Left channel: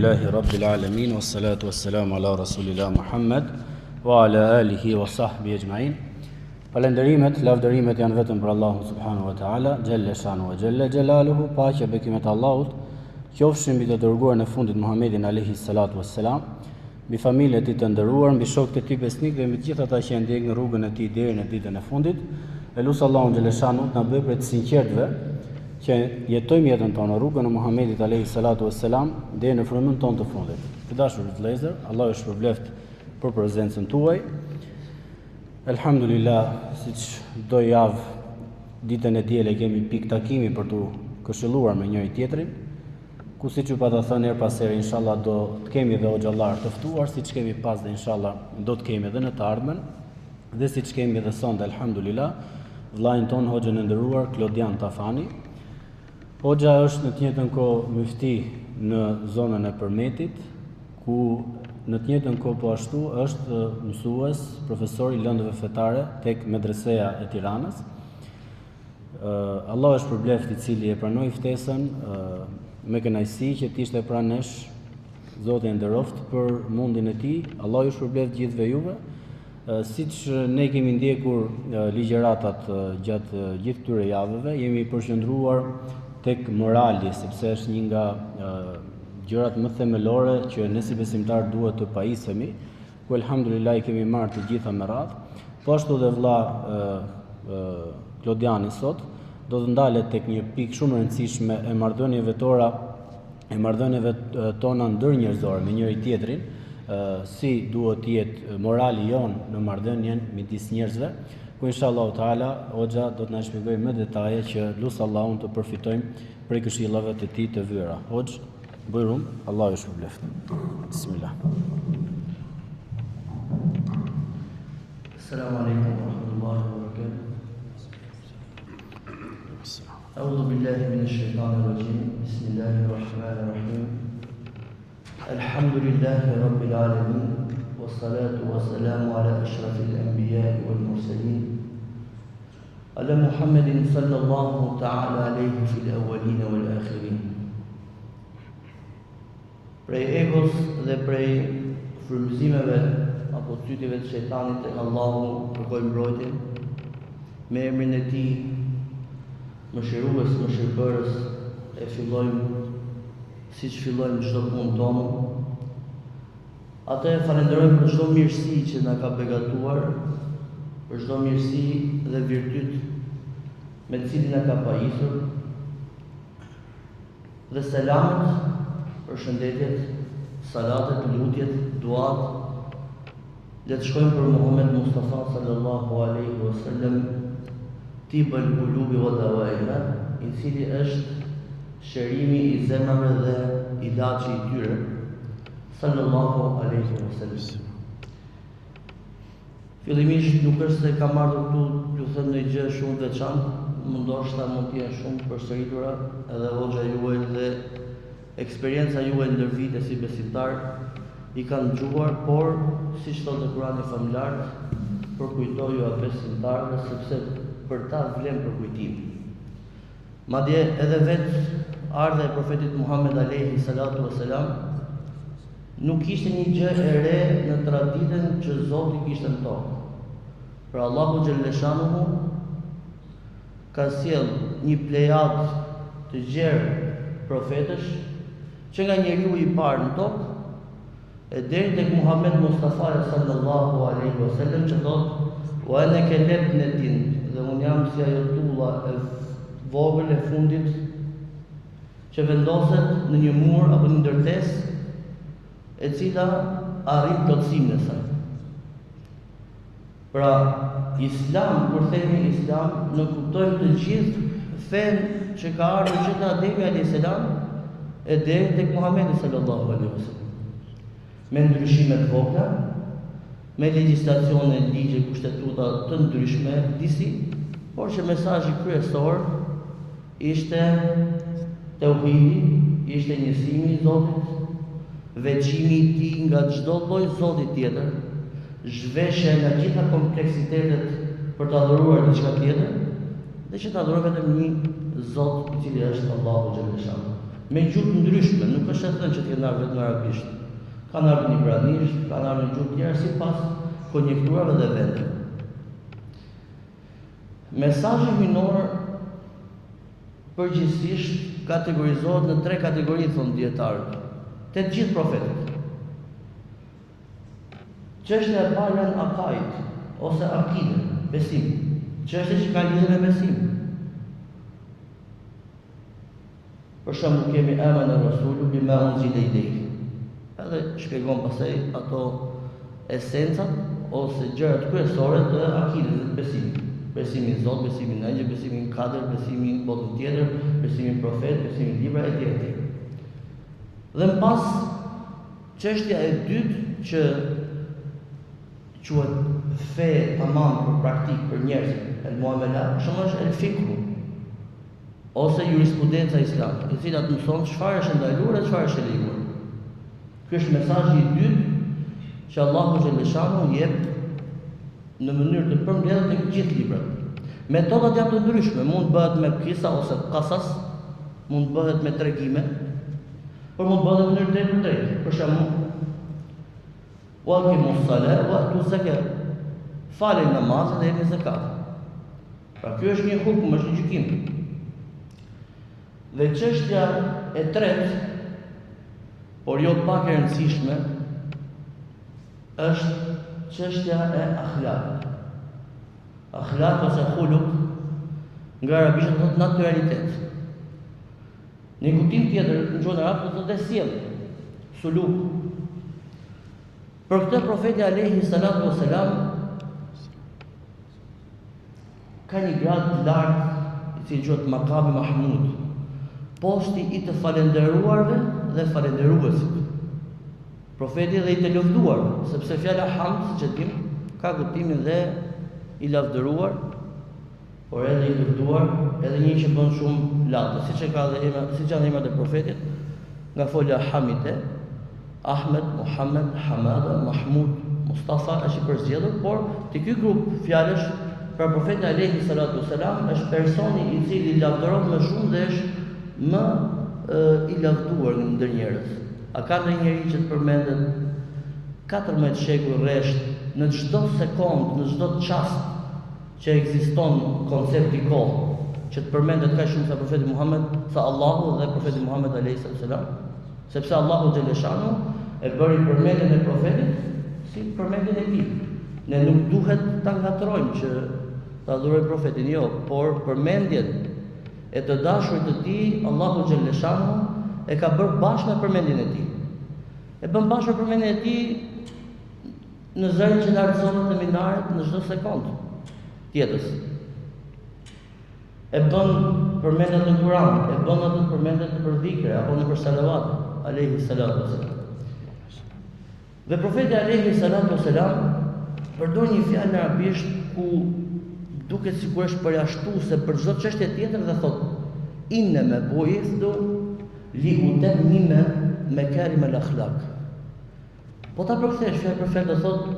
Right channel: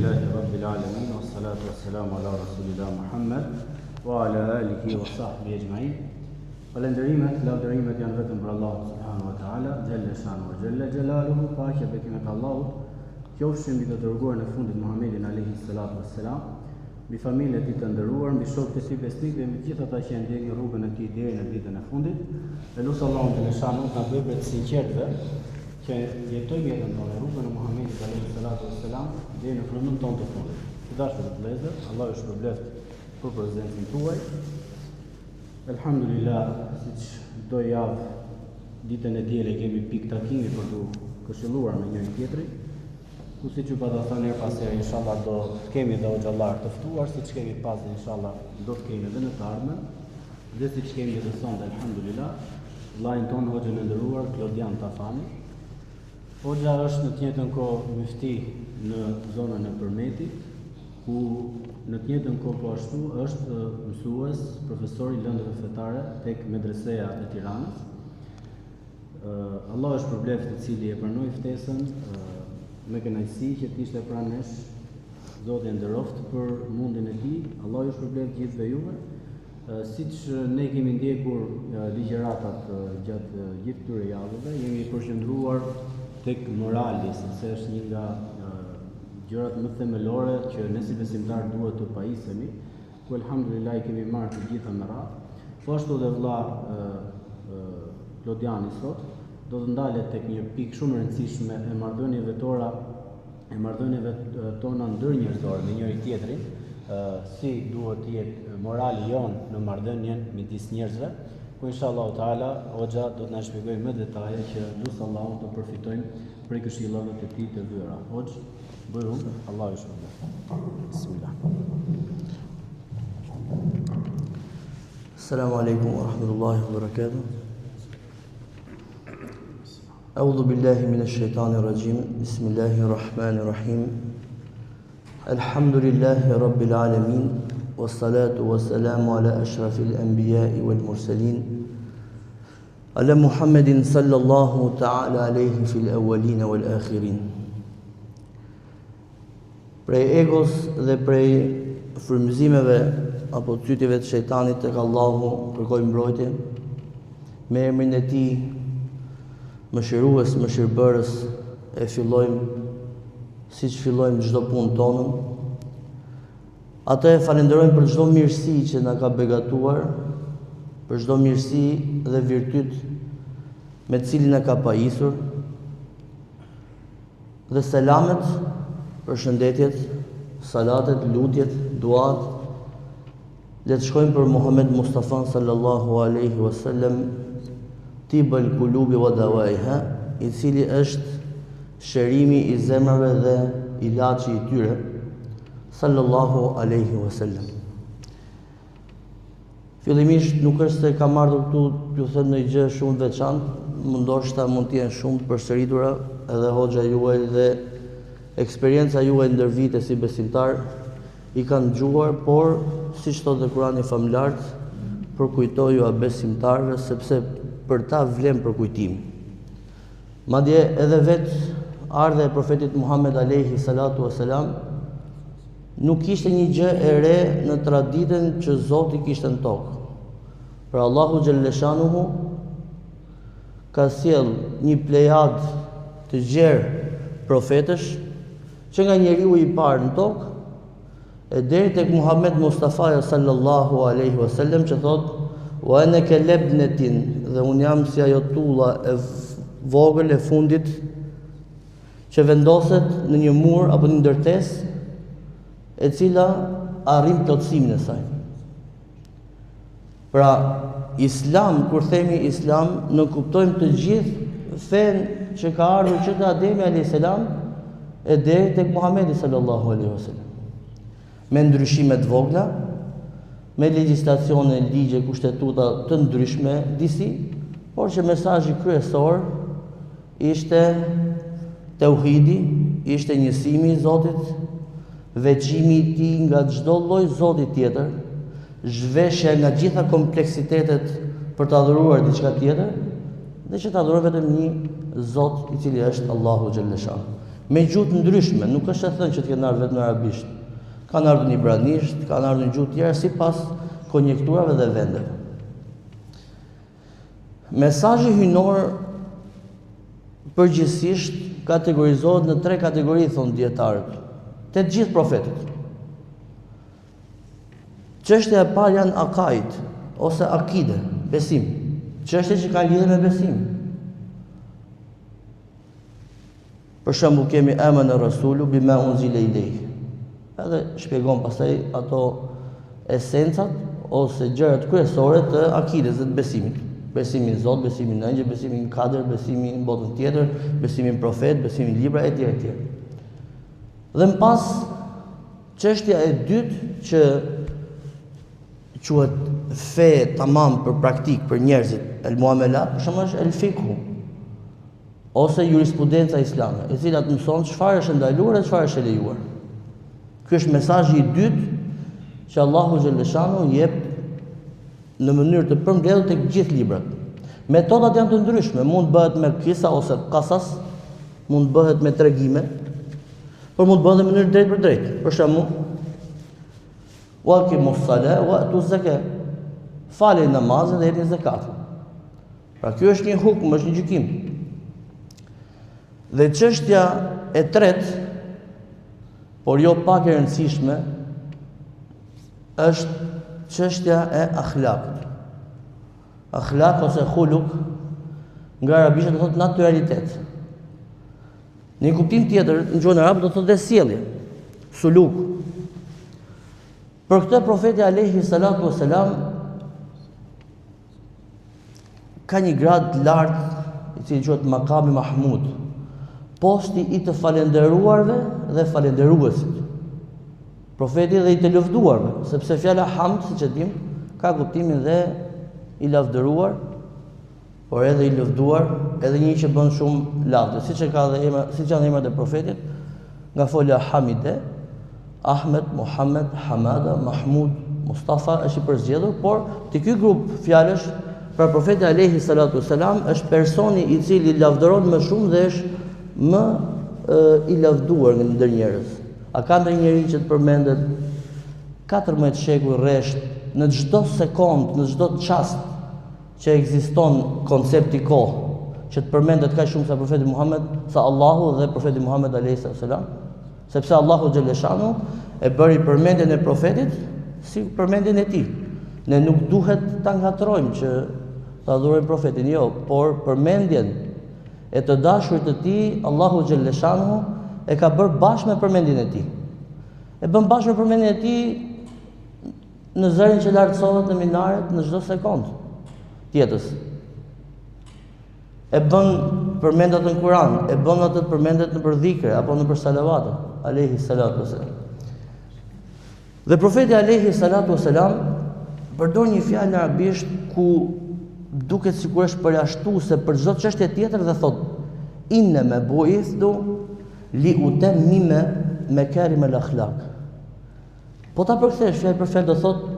Alhamdulillahi Rabbil Alamin, wassalatu wassalamu ala Rasulillah Muhammad wa ala alihi wa sahbihi ajma'in. Falenderimet, lavdërimet janë vetëm për Allahun subhanahu wa ta'ala, Jalla shanu wa Jalla jalaluhu, paqja bekimet Allahut, qofshin mbi të dërguarin e fundit Muhammedin alayhi salatu wassalam, mbi familjen e tij të nderuar, mbi shokët e tij besnik dhe mbi të gjithë ata që janë ndjekur në rrugën e tij deri në ditën e fundit. Elusi Allahun Jalla shanu të na bëjë për të sinqertëve që jetojmë jetën tonë në rrugën e Muhammedit alayhi salatu wassalam deri në frymën tonë të fundit. Të dashur vëllezër, Allah ju shpërbleft për prezencën tuaj. Alhamdulillah, siç do javë ditën e diele kemi pikë takimi për të këshilluar me njëri tjetrin, ku siç ju pata thënë her pas here inshallah do të kemi edhe xhallar të ftuar, siç kemi pas dhe inshallah do të kemi edhe në të ardhmen, dhe siç kemi edhe sonte alhamdulillah, vllain ton hoxhën e nderuar Klodian Tafani. Hoxha është në të njëjtën kohë mufti në zonën e Përmetit, ku në të njëjtën kohë po ashtu është mësues, profesor i lëndëve fetare tek Medreseja e Tiranës. Allah është përbleft i cili e pranoi ftesën me kënaqësi që të ishte pranë nesh. Zoti e nderoft për mundin e tij. Allah ju shpërbleft gjithëve juve. Siç ne kemi ndjekur ligjëratat gjatë gjithë këtyre javëve, jemi përqendruar tek morali, sepse është një nga gjërat më themelore që ne si besimtar duhet të pajisemi, ku alhamdulillah i kemi marrë të gjitha me radhë. Po ashtu dhe vëlla Klodiani sot do të ndalet tek një pikë shumë e rëndësishme e marrëdhënieve tona ndërnjerëzore me njëri tjetrin, si duhet të jetë morali jon në marrëdhënien midis njerëzve, ku inshallah taala hoxha do të na shpjegojë me detaje që lut Allahun të përfitojmë prej këshillave të tij të vëra. Hoxh, bujrum, Allahu ju shpëleft. Bismillah. Assalamu alaikum wa rahmatullahi wa barakatuh. A'udhu billahi minash shaitanir rajim. Bismillahir rahmanir rahim. Alhamdulillahi rabbil alamin. Wassalatu wassalamu ala ashrafil anbiya'i wal mursalin. Ala Muhammedin sallallahu ta'ala alayhi fil awwalin wal akhirin. Prej egos dhe prej frymëzimeve apo cytjeve të shejtanit tek Allahu kërkojmë mbrojtje me emrin e tij mëshirues, mëshirbërës. E fillojmë siç fillojmë çdo punë tonë. Atë e falenderojmë për çdo mirësi që na ka begatuar, për çdo mirësi dhe virtyt me të cilin na ka pajisur. Dhe selamet, përshëndetjet, salatet, lutjet, duat, le të shkojmë për Muhammed Mustafa sallallahu alaihi wasallam, tibul qulubi wa dawaiha, i cili është shërimi i zemrave dhe ilaçi i tyre, sallallahu alaihi wasallam. Fillimisht nuk është se kam ardhur këtu t'ju them ndonjë gjë shumë të veçantë, ndoshta mund të jenë shumë të përsëritura edhe hoxha juaj dhe eksperienca juaj ndër vite si besimtar i kanë dëgjuar, por siç thotë Kurani familjarët, përkujtoju a besimtarëve sepse për ta vlen përkujtim. Madje edhe vetë ardha e profetit Muhammed alayhi salatu wassalam nuk ishte një gjë e re në traditën që Zoti kishte në tokë. Pra Allahu xhallashanuhu ka sjell një plejad të gjerë profetësh që nga njeriu i parë në tokë e deri tek Muhammed Mustafa sallallahu alaihi wasallam që thotë wa ana kalabnatin, dhe un jam si ajo tulla e vogël e fundit që vendoset në një mur apo në ndërtesë e cila arrin plotësimin e saj. Pra, Islam, kur themi Islam, ne kuptojmë të gjithë fenë që ka ardhur që te Ademi alayhis salam e deri tek Muhamedi sallallahu alaihi wasallam. Me ndryshime të vogla, me legjislacione, ligje, kushtetuta të ndryshme disi, por që mesazhi kryesor ishte tauhidi, ishte njësimi i Zotit, veçimi i tij nga çdo lloj zoti tjetër, zhveshja nga gjitha kompleksitetet për të adhuruar diçka tjetër, dhe që të adhurojmë vetëm një Zot i cili është Allahu xhallashan. me gjuhë të ndryshme, nuk është e thënë që të kenë ardhur vetëm në arabisht. Kanë ardhur në ibranisht, kanë ardhur në gjuhë tjera sipas konjekturave dhe vendeve. Mesazhi hyjnor përgjithsisht kategorizohet në 3 kategori, thonë dietarët, të gjithë profetët. Çështja e parë janë akaid ose akide, besim. Çështje që kanë lidhje me besim. Për shembull kemi amana rasulu bima unzila ilayhi. Edhe shpjegon pastaj ato esencat ose gjërat kryesore të akides, të besimit. Besimi në Zot, besimi në angjël, besimi në kader, besimi në botën tjetër, besimi në profet, besimi në libra etj etj. Dhe më pas çështja e dytë që quhet fe tamam për praktik për njerëzit, el muamelat, për shembull është el fikhu ose jurisprudenca islame, e cila të mëson çfarë është ndaluar dhe çfarë është e lejuar. Ky është mesazhi i dytë që Allahu xhaleshanu jep në mënyrë të përmbledhur tek gjithë librat. Metodat janë të ndryshme, mund të bëhet me kisa ose qasas, mund të bëhet me tregime, por mund të bëhet në mënyrë drejt për drejt. Për shembull, wa aqimus salat wa atu zakat. Falë namazin dhe jepni zakat. Pra ky është një hukm, është një gjykim. Dhe çështja e tretë, por jo pak e rëndësishme, është çështja e akhlakut. Akhlak ose khuluk nga arabisht do thotë natyralitet. Në kuptim tjetër, në gjuhën arabe do thotë sjellje, suluk. Për këtë profeti alayhi salatu wasalam ka një grad të lartë, i cili quhet Makami Mahmud, posti i të falendëruarve dhe falendëruesit. Profeti dhe i të lëvduarve, sepse fjala hamd, siç e dim, ka kuptimin dhe i lavdëruar, por edhe i lëvduar, edhe një që bën shumë lavdë, siç janë emrat e profetit, nga folja Hamide, Ahmed, Muhammed, Hamada, Mahmud, Mustafa është i përzgjedhur, por te ky grup fjalësh për profetin alayhi salatu wasalam është personi i cili lavdëron më shumë dhe është më i lavduar ndër njerëz. A ka ndonjë njeri që të përmendet 14 shekuj rresht në çdo sekond, në çdo çast që ekziston koncepti kohë, që të përmendet kaq shumë sa profeti Muhammed, sa Allahu dhe profeti Muhammed alayhi salam, sepse Allahu xhaleshanu e bëri përmendjen e profetit si përmendjen e tij. Ne nuk duhet ta ngatrojmë që ta adhurojmë profetin, jo, por përmendjen e të dashurit të tij Allahu xhaleshanu e ka bërë bashkë me përmendjen e tij. E bën bashkë me përmendjen e tij në zërin që lartësohet në minaret në çdo sekond tjetës. E bën përmendat në Kur'an, e bën atë përmendet në dhikre apo në salavate, alayhi salatu wasalam. Dhe profeti alayhi salatu wasalam përdor një fjalë në arabisht ku duket sikur është përjashtuese për çdo çështje tjetër dhe thot inna bu'ithtu li utammima makarim al-akhlaq. Po ta përkthesh fjalë për fjalë do thot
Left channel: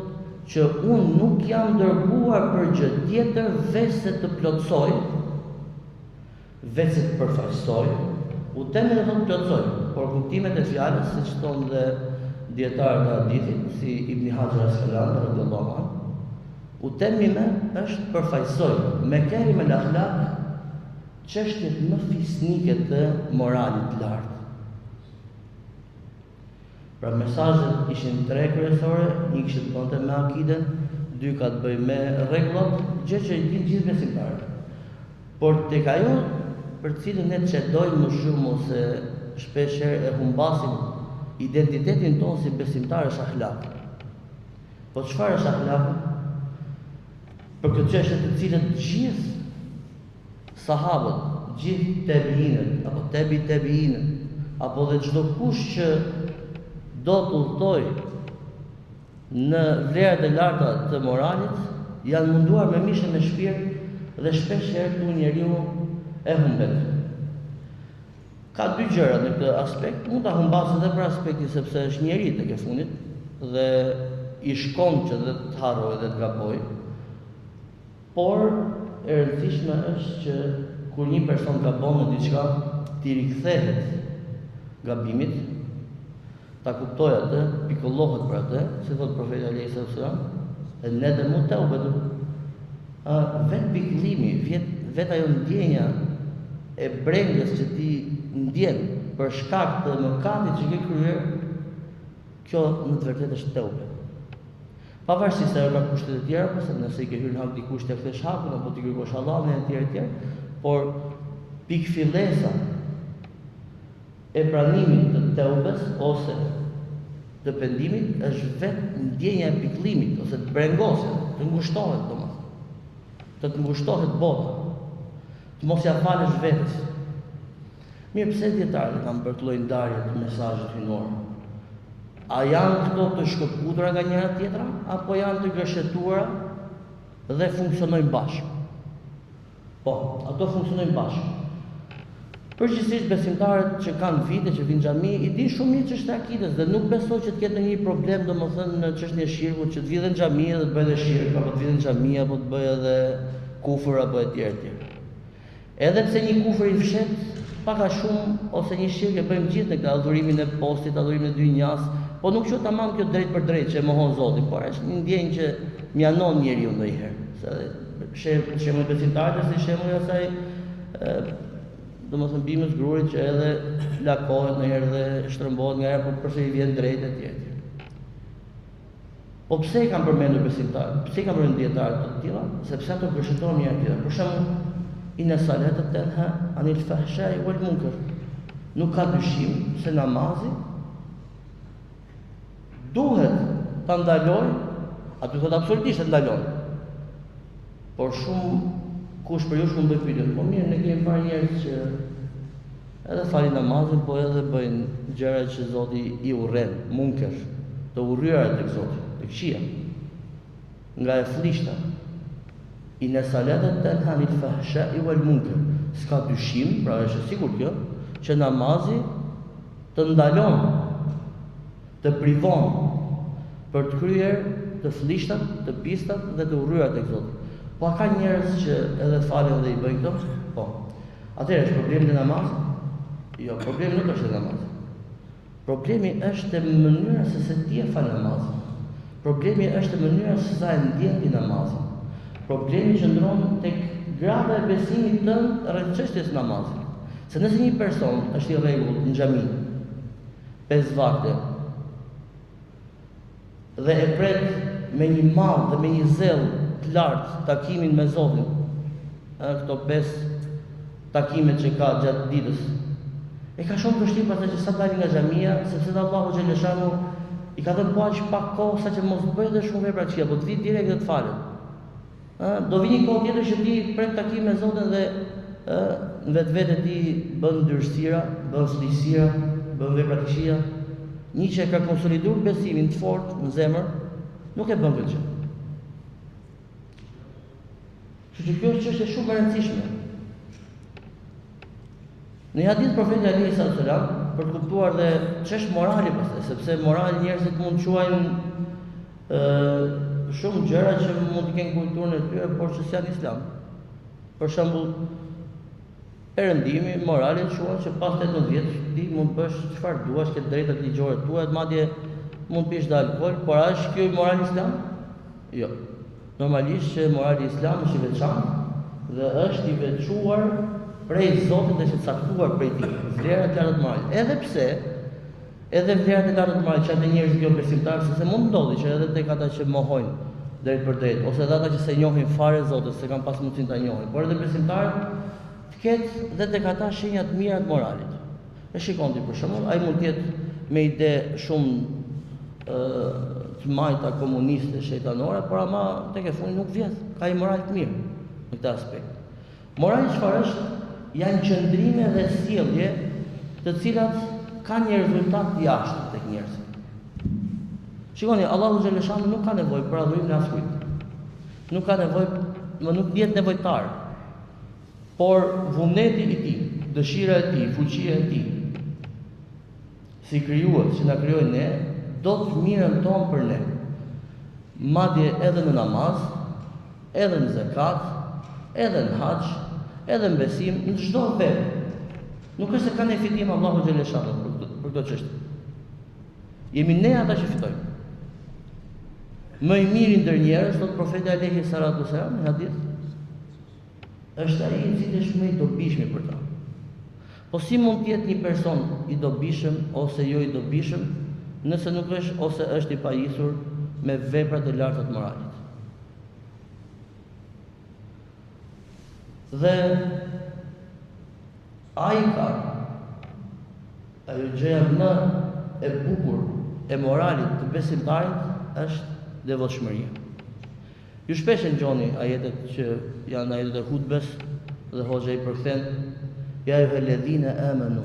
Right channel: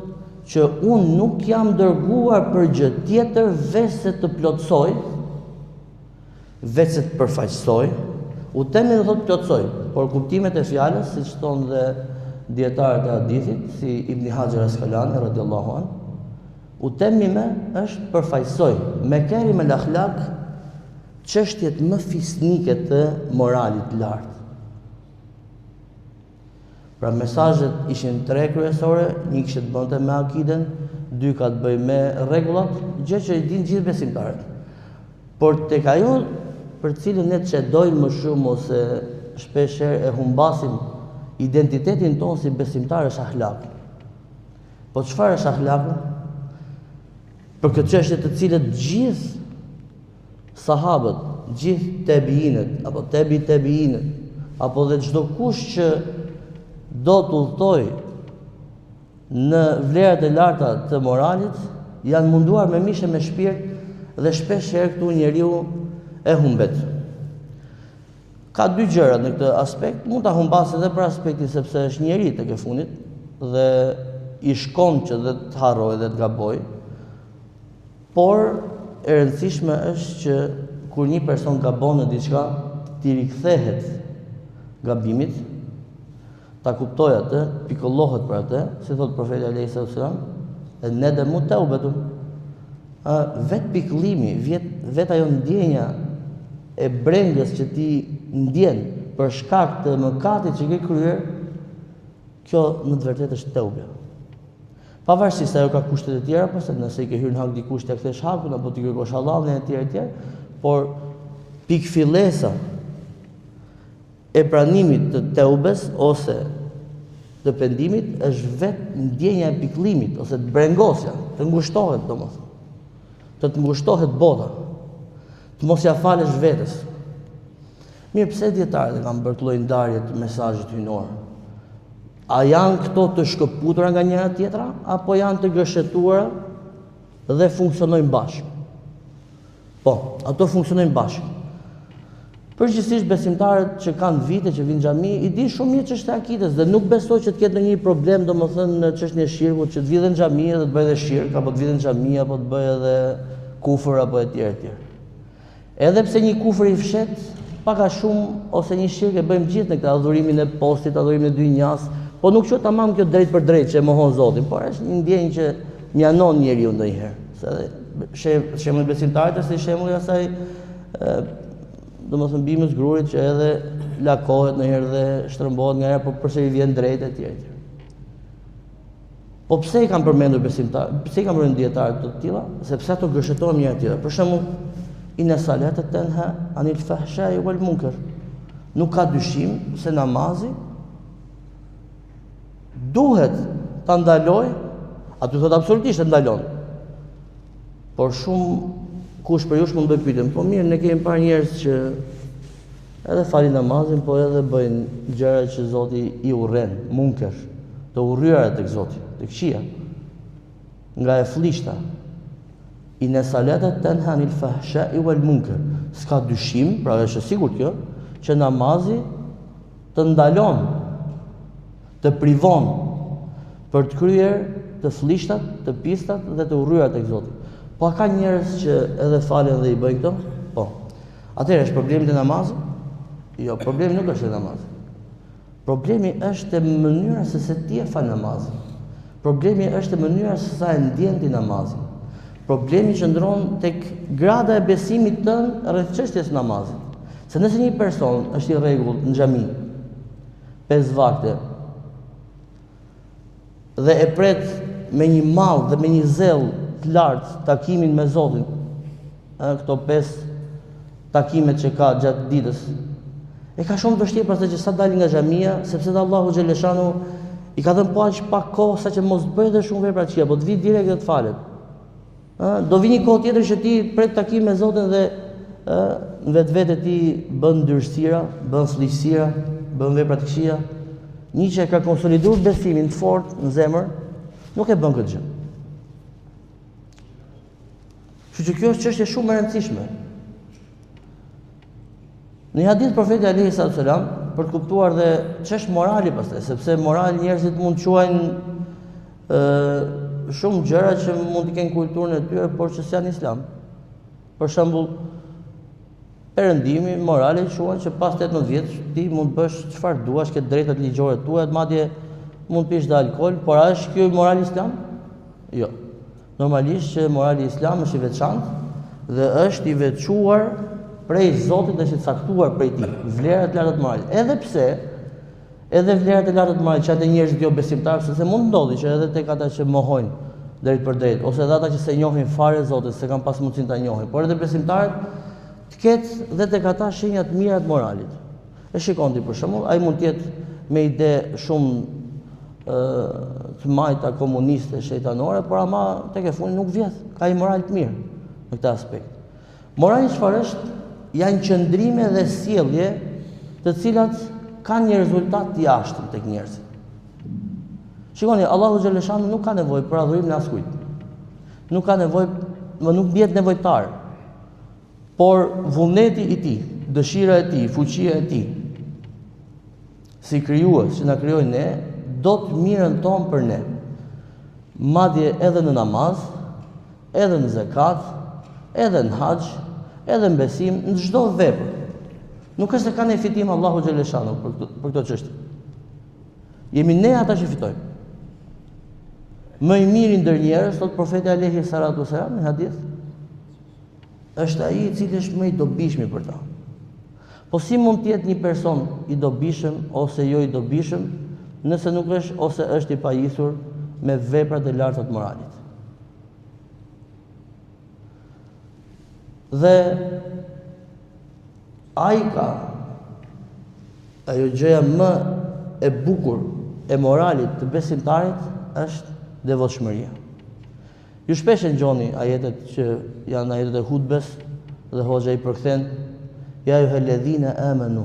që unë nuk jam dërguar për gjë tjetër veçse të plotësoj, veçse të përfaqësoj, utemi do thot plotësoj, por kuptimet e fjalës, siç thonë dhe dietarët e hadithit, si Ibn Hajar al-Asqalani radhiyallahu anhu, utemmime është përfaqësoj, makarim al-akhlaq, çështjet më fisnike të moralit lartë. Pra mesazhet ishin 3 kryesore, një kishte të bënte me akiden, 2 ka të bëjë me rregullat, gjë që i din gjithë besimtarët. Por tek ajo për cilën ne çedojmë më shumë ose shpeshherë e humbasim identitetin tonë si besimtar është akhlaqi. Po çfarë është akhlaqi? Për këtë çështje të cilët gjithë sahabët, gjithë tabiinët apo tabiinët, apo dhe çdo kush që do të udhtoj në vlerat e larta të moralit, janë munduar me mishë me shpirt dhe shpesh herë këtu njeriu e humbet. Ka 2 gjëra në këtë aspekt, mund ta humbasë edhe për aspektin sepse është njeri tek e fundit dhe i shkon që dhe të harrojë dhe të gabojë. Por e rëndësishme është që kur një person gabon në diçka, t'i rikthehet gabimit, ta kuptoj atë, pikollohet për atë, si thot profeti alayhi sallam, nadamu tawbatun. Vet pikëllimi, vet ajo ndjenja e brengës që ti ndjen për shkak të mëkatit që ke kryer, kjo në të vërtetë është teuba. Pavarësisht se ajo ka kushtet e tjera, përse nëse i ke hyrë në hak dikush të kthesh hakun apo ti kërkosh Allahun e tjerë, por pikëfillesa e pranimit të teubes ose të pendimit është vetë ndjenja e pikëllimit ose të brengosja, të ngushtohet domethënë. Të ngushtohet bota. Të mos ja falësh vetes. Mirë, pse dietarët kanë bërë lloj ndarje të mesazhit hyjnor? A janë këto të shkëputura nga njëra tjetra, apo janë të gërshetuara dhe funksionojnë bashkë? Po, ato funksionojnë bashkë. Përgjithsisht besimtarët që kanë vite që vinë xhami, i din shumë mirë çështja e akides dhe nuk besoj që të ketë ndonjë problem domethënë në çështjen e shirkut, që të vjen në xhami dhe të bëjë edhe shirk, apo të vjen në xhami apo të bëjë edhe kufër apo etj etj. Edhe pse një kufër i fshet, pak a shumë ose një shirk e bëjmë gjithë në këtë adhurimin e postit, adhurimin e dynjas, po nuk që tamam kjo drejt për drejt që e mohon Zotin, por është një ndjenjë që mjanon njeriu ndonjëherë. Se shembull besimtarët si shembulli asaj domethënë bimës grurit që edhe lakohet ndonjëherë dhe shtrëmbohet nganjëherë, po përse i vjen drejt etj. Po pse i kanë përmendur besimtarët? Pse i kanë përmendur dietarët të tilla? Sepse ato gërshëtohen njëra tjetrën. Për shembull, inna salata tanha anil fahsha'i wal munkar. Nuk ka dyshim se namazi duhet ta ndaloj, aty thot absolutisht e ndalon. Por shumë kush për jush mund të pyetën, po mirë, ne kemi parë njerëz që edhe falin namazin, po edhe bëjnë gjëra që Zoti i urren, munker, të urryera tek Zoti, tek këqija, nga e flishta. Inna salata tanha anil fahsha'i wal munkar. S'ka dyshim, pra është e sigurt kjo, që namazi të ndalon, të privon për të kryer të flishtat, të pistat dhe të urryera tek Zoti. Po ka njerëz që edhe falen dhe i bëjnë këto? Po. Atëherë është problemi i namazit? Jo, problemi nuk është e namazit. Problemi është e mënyra se si ti e fal namazin. Problemi është e mënyra se sa e ndjen ti namazin. Problemi qëndron tek grada e besimit tënd rreth çështjes së namazit. Se nëse një person është i rregullt në xhami 5 vakte dhe e pret me një mall dhe me një zell të lartë takimin me Zotin, këto 5 takimet që ka gjatë ditës, e ka shumë vështirë për të që sa dalin nga xhamia, sepse Allahu xhaleshanu i ka dhënë pak kohë sa që mos bëjë dhe shumë vepra të këqija, po të vi direkt dhe të falet. Do vi një kohë tjetër që ti pret takim me Zotin dhe në vetvete ti bën ndyrësira, bën sllëqësira, bën vepra të këqija. Një që ka konsoliduar besimin të fortë në zemër, nuk e bën këtë gjë. Kështu që kjo është çështje shumë e rëndësishme. Në një hadith profeti alayhi sallam për të kuptuar dhe ç'është morali pastaj, sepse morali njerëzit mund të quajnë shumë gjëra që mund të kenë kulturën e tyre, por që s'janë islam. Për shembull, perëndimi morali quhen që pas 18 vjeç ti mund të bësh çfarë duash, ke drejtat ligjore tua, madje mund të pish dhe alkool, por a është kjo morali islam? Jo. Normalisht që morali islam është i veçantë dhe është i veçuar prej Zotit dhe është i caktuar prej tij. Vlerat e larta të moralit. Edhe pse edhe vlerat e larta të moralit që ata njerëzit jo besimtarë, sepse mund ndodhi që edhe tek ata që mohojnë drejt për drejt, ose edhe ata që se njohin fare Zotin, se kanë pas mundësinë ta njohin, por edhe besimtarët të ketë dhe tek ata shenja të mira të moralit. E shikon ti për shembull, ai mund të jetë me ide shumë të majta komuniste, shejtanore, por ama tek e fundi nuk vjedh, ka një moral të mirë në këtë aspekt. Morali çfarë është? Janë qëndrime dhe sjellje të cilat kanë një rezultat të jashtëm tek njerëzit. Shikoni, Allahu xhaleshanu nuk ka nevojë për adhurim në askujt. Nuk ka nevojë, nuk bjet nevojtar. Por vullneti i tij, dëshira e tij, fuqia e tij, si krijues që na krijoi ne, do të mirën tonë për ne. Madje edhe në namaz, edhe në zakat, edhe në haxh, edhe në besim, në çdo vepër. Nuk është se ka ne fitim Allahu xhaleshanu për këtë. për këto çështje. Jemi ne ata që fitojmë. Më i miri ndër njerëz, thot profeti alayhi salatu wasalam në hadith, është ai i cili është më i dobishmi për ta. Po si mund të jetë një person i dobishëm ose jo i dobishëm, nëse nuk është ose është i pajisur me veprat e larta të moralit? Dhe ai ka ajo gjëja më e bukur e moralit të besimtarit është devotshmëria. Ju shpesh e ngjoni ajetet që janë ajetet e hutbes dhe hoxha i përkthen ja ayyuhalladhina amanu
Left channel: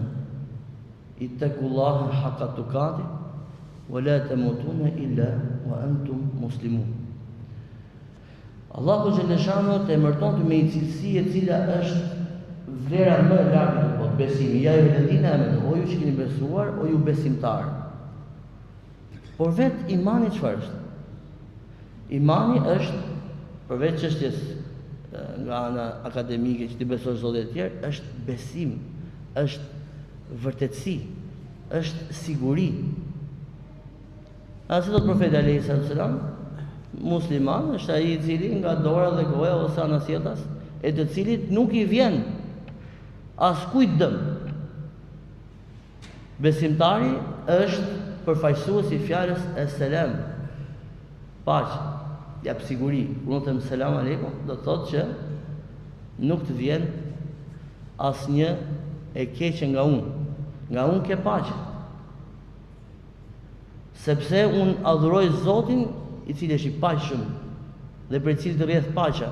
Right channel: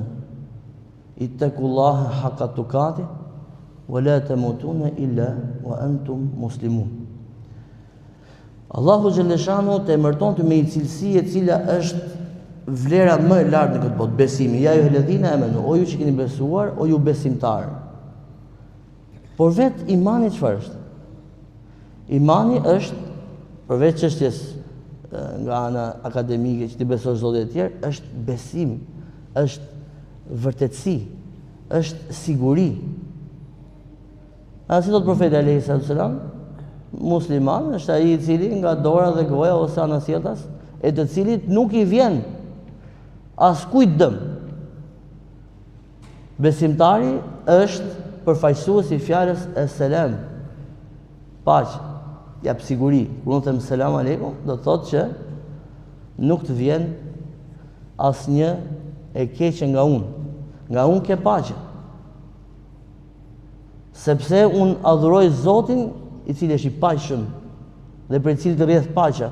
ittaqullaha haqqa tuqati wa la tamutuna illa wa antum muslimun. Allahu xhaleshano të emërton me një cilësi e cila është vlera më e lartë në këtë botë, besimi. Ja ayyuhalladhina amanu, o ju që keni besuar, o ju besimtarë. Por vetë imani çfarë është? Imani është, përveç çështjes nga ana akademike që ti besosh Zotin e tjerë, është besim, është vërtetësi, është siguri. Asi thot profeti alayhi salatu wasalam, musliman është ai i cili nga dora dhe goja ose anasjetas, e të cilit nuk i vjen askujt dëm. Besimtari është përfaqësuesi i fjalës es-selam, paqe, jap siguri. Kur unë them selam aleikum, do të thotë që nuk të vjen asnjë e keqe nga unë ke paqe. Sepse unë adhuroj Zotin i cili është i paqshëm dhe për i cili të rrjedh paqja.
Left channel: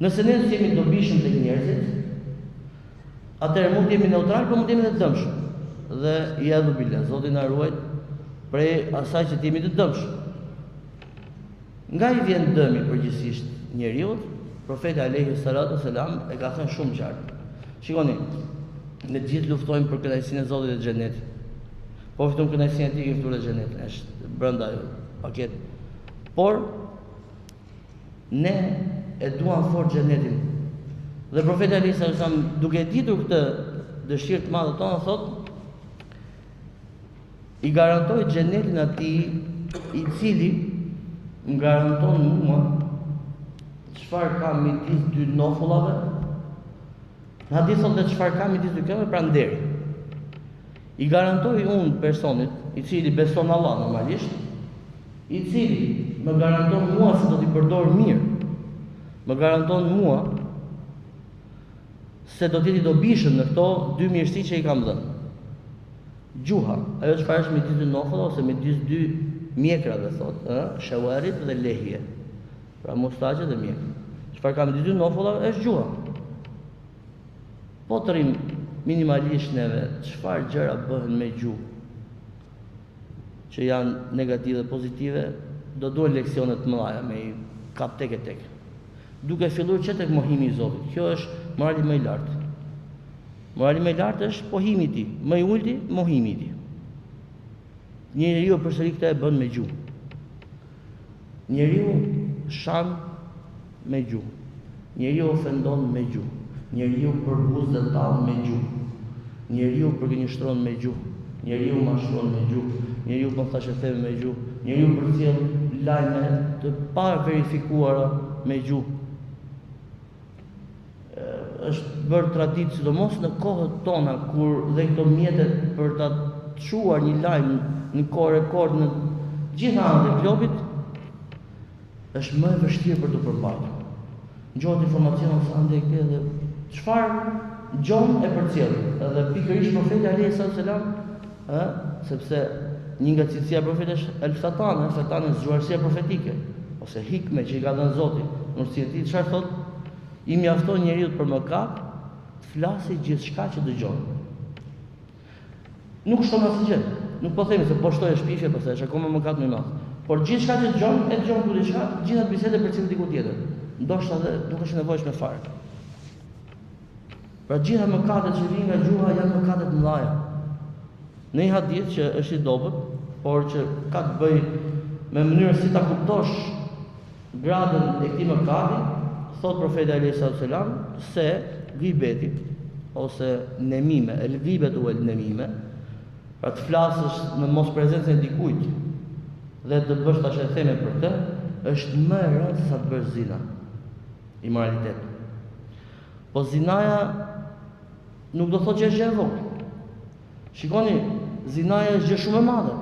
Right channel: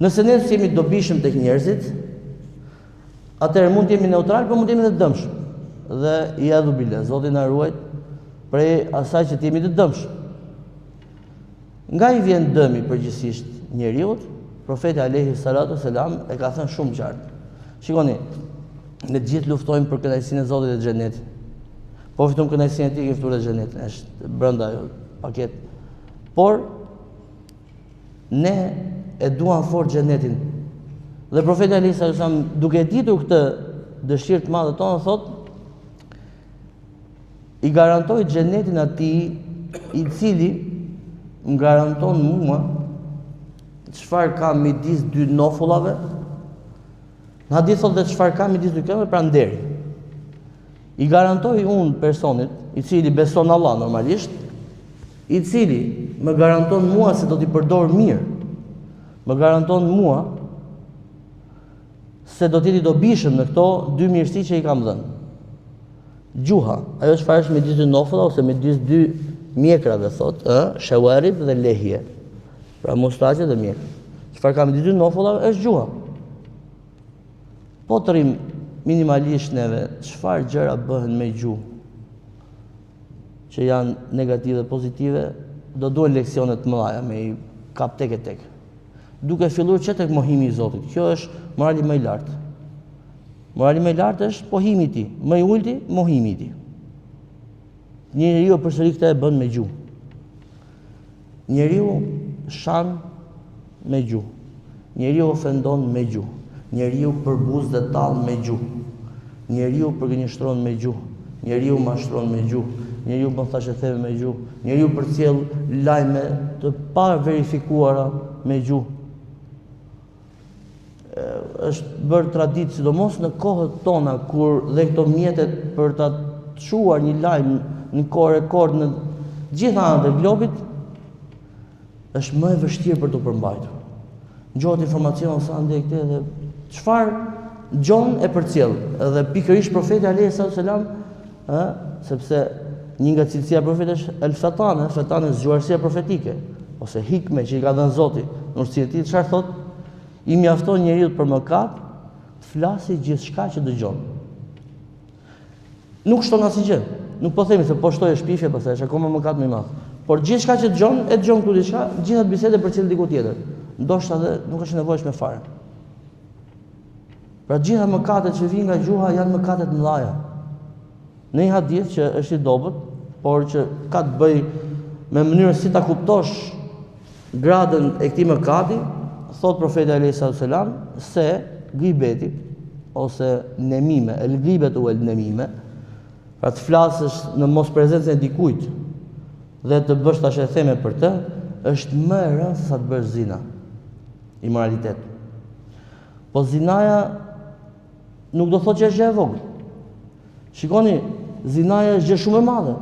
Nëse ne jemi dobishëm tek njerëzit, atëherë mund të jemi neutral, por mund të jemi të dëmshëm. Dhe iadhu billah, Zoti na ruaj prej asaj që të jemi të dëmshëm. Nga i vjen dëmi përgjithsisht njeriut, profeti alayhi salatu wasalam e ka thënë shumë qartë. Shikoni, ne gjithë luftojmë për kënaqësinë e Zotit dhe xhenetin. Po fitojmë kënaqësinë e tij që ftuar në xhenet, është brenda ajo paketë. Por ne e duam fort xhenetin. Dhe profeti alayhi salatu wasalam, duke ditur këtë dëshirë të madhe tonë, thotë i garantoj xhenetin atij i cili më garanton mua çfarë ka midis dy nofullave. Në hadith thotë çfarë ka midis dy këmbëve, pra nderi. I garantoj unë personit i cili beson Allah normalisht, i cili më garanton mua se do t'i përdor mirë, më garanton mua se do t'i dobishëm në këto dy mirësi që i kam dhënë. Gjuha, ajo çfarë është midis dy nofulla ose midis dy mjekrave, thotë, shawarib dhe lehje. Pra mustaqe dhe mjek. Çfarë ka midis dy nofullave është gjuha. Po të rrim minimalisht neve, çfarë gjëra bëhen me gjuhë që janë negative dhe pozitive, do duhen leksione të mëdha me i kap tek e tek. Duke filluar që tek mohimi i Zotit. Kjo është morali më i lartë. Morali më i lartë është pohimi i tij, më i ulti mohimi i tij. Njeriu përsëri këtë e bën me gjuhë. Njeriu shan me gjuhë. Njeriu ofendon me gjuhë. Njeriu përbuz dhe tall me gjuhë. Njeriu përgënjeshtron me gjuhë. Njeriu mashtron me gjuhë. Njeriu thashë theme me gjuhë. Njeriu përcjell lajme të pa verifikuara me gjuhë. Është bërë traditë, sidomos në kohët tona, kur dhe këto mjetet për ta çuar një lajm në kohë rekord në gjitha anët e globit, është më e vështirë për të përmbajtur. Ngjohet informacion sa ndej këtë dhe çfarë gjon e përcjell. Edhe pikërisht profeti alayhi salatu wasalam, sepse një nga cilësia e profetit është el-fatana, fatana zgjuarësia profetike, ose hikme që i ka dhënë Zoti. Në cilëti çfarë thotë? I mjafton njeriu për mëkat të flasë gjithçka që dëgjon. Nuk shton asgjë. Nuk po themi se po shtoj shpifje, po thësh akoma mëkat më i madh. Por gjithçka që dëgjon, e dëgjon këtu diçka, gjithat bisedë për cilë diku tjetër. Ndoshta edhe nuk është nevojshme fare. Pra gjitha mëkatet që vijnë nga gjuha janë mëkate të mëdha. Në një hadith që është i dobët, por që ka të bëjë me mënyrën si ta kuptosh gradën e këtij mëkati, thot profeti alayhi salatu wasalam se gibeti ose nemime, el ghibet u el nemime, pra të flasësh në mos prezencën e dikujt dhe të bësh tash e theme për të, është më e rëndë sa të bësh zina, imoralitet. Po zinaja nuk do thotë që është gjë e vogël. Shikoni, zinaja është gjë shumë e madhe.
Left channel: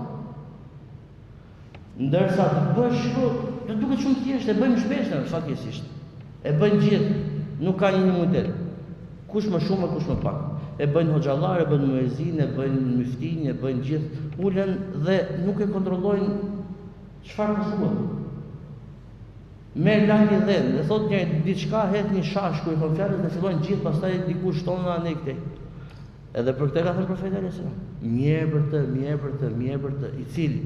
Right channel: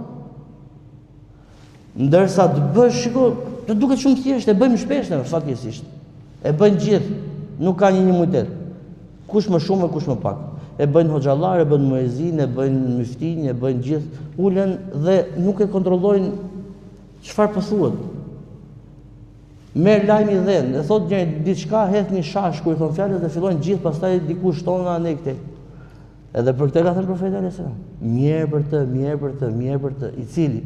Ndërsa të bësh, shiko, të duket shumë thjeshtë, e bëjmë shpesh fatkesisht. E bëjnë gjithë, nuk ka një imunitet. Kush më shumë e kush më pak. E bëjnë hoxhallar, e bëjnë muezin, e bëjnë myftin, e bëjnë gjithë, ulen dhe nuk e kontrollojnë çfarë po thuhet. Merr lajmin dhe e thot njëri diçka, hedh një shash kur i thon fjalët dhe fillojnë gjithë pastaj dikush tonë anë këtej. Edhe për këtë ka thënë profeti alayhis salam, mirë për të, mirë për të, mirë për të, i cili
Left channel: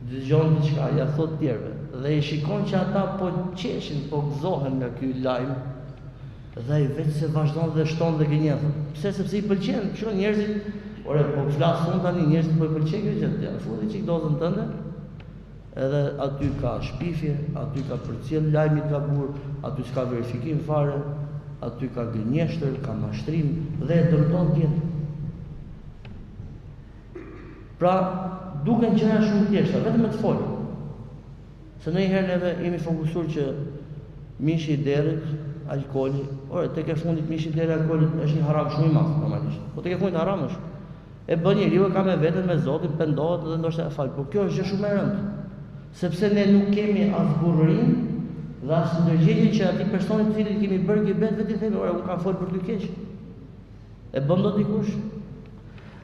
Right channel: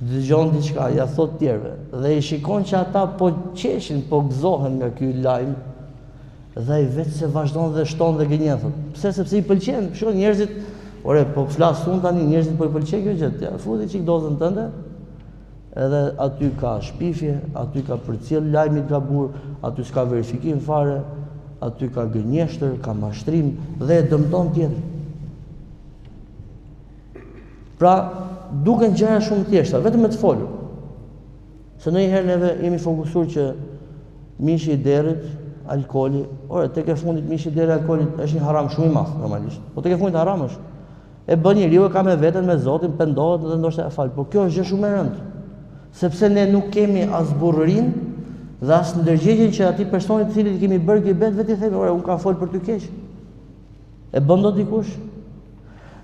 dëgjon diçka, ja thot tjerëve dhe i shikon që ata po qeshin, po gëzohen me ky lajm dhe ai vetë se vazhdon dhe shton dhe gënjen. Pse? Sepse i pëlqen. Shikoj njerëzit, ore po flas unë tani, njerëzit po i pëlqej kjo gjë. Ja, futi çik dozën tënde. Edhe aty ka shpifje, aty ka përcjell lajmi gabur, aty s'ka verifikim fare, aty ka gënjeshtër, ka mashtrim dhe e dëmton tjetër. Pra, duken gjëra shumë thjeshta, vetëm me të folur. Se ndonjëherë neve jemi fokusuar që mishi i derrit, alkooli, ore tek e fundit mishi i derrit, alkooli është një haram shumë i madh normalisht. Po tek e fundit haram është. E bën njeriu e ka me veten, me Zotin, pendohet dhe ndoshta e fal. Po kjo është gjë shumë e rëndë. Sepse ne nuk kemi as burrin dhe as ndërgjegjjen që atij personi i cili kemi bërë gibet vetë i themi, ore unë kam fol për ty keq. E bën dot dikush?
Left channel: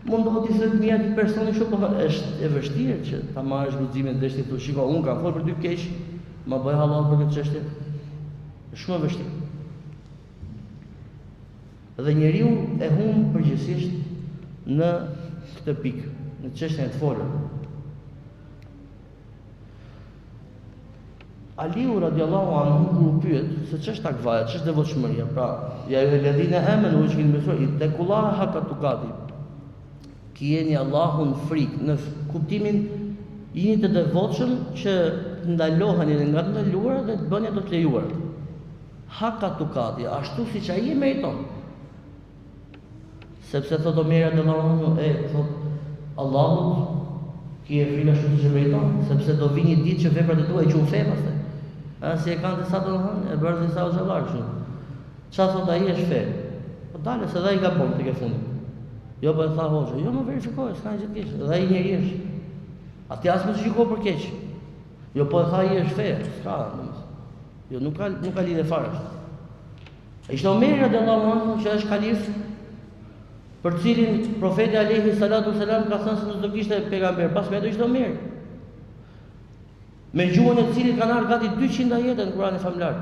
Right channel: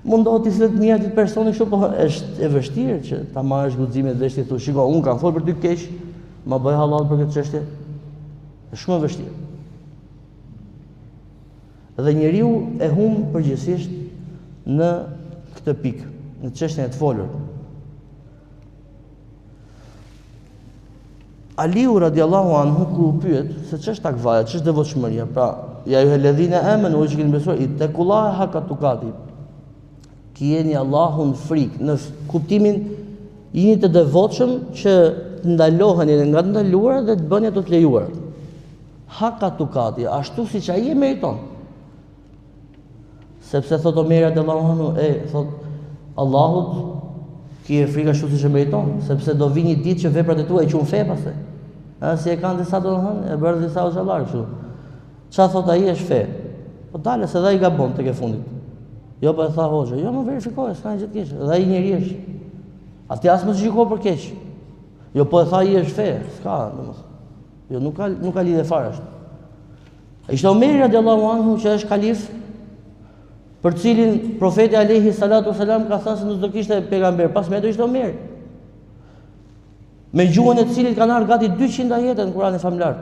Mundohet të flet mirë atij personi kështu, po është e vështirë që ta marrësh guximin dhe të thosh, shiko, unë kam fol për ty keq, ma bëj halal për këtë çështje. Është shumë e vështirë. Dhe njeriu e humb përgjithsisht në këtë pikë, në çështjen e të folur. Aliu radiallahu anhu kur u pyet se ç'është takvaja, ç'është devotshmëria, pra ja ju helladhina amanu që keni besuar, ittaqullaha haqqa tuqati. Kjeni Allahun frikë, në kuptimin jeni të devotshëm që të ndaloheni nga të ndaluara dhe të bëni ato të lejuara. Haqqa tuqati, ashtu siç ai e meriton. Sepse thot Omeri radiallahu anhu, thot Allahut ki e frikë ashtu siç e meriton, sepse do vi një ditë që veprat e tua i quhen fe pastaj. Si e kanë disa domethënë, e bërë disa hoxhallar kështu. Çfarë thot ai është fe? Po dalë se ai gabon tek e fundit. Jo po e tha hoxha, jo më verifikoj, s'ka gjë të keq. Dhe ai njeri është. Atë as më gjykoj për keq. Jo po e tha ai është fe, s'ka domethënë. Jo nuk ka lidhje fare ashtu. Ishte Omeri radiallahu anhu që është kalif, për cilin profeti alayhi salatu wasalam ka thënë se nuk do kishte pejgamber pas me, do ishte Omeri. Me gjuhën e cilit kanë ardhur gati 200 ajete në Kur'anin famlar.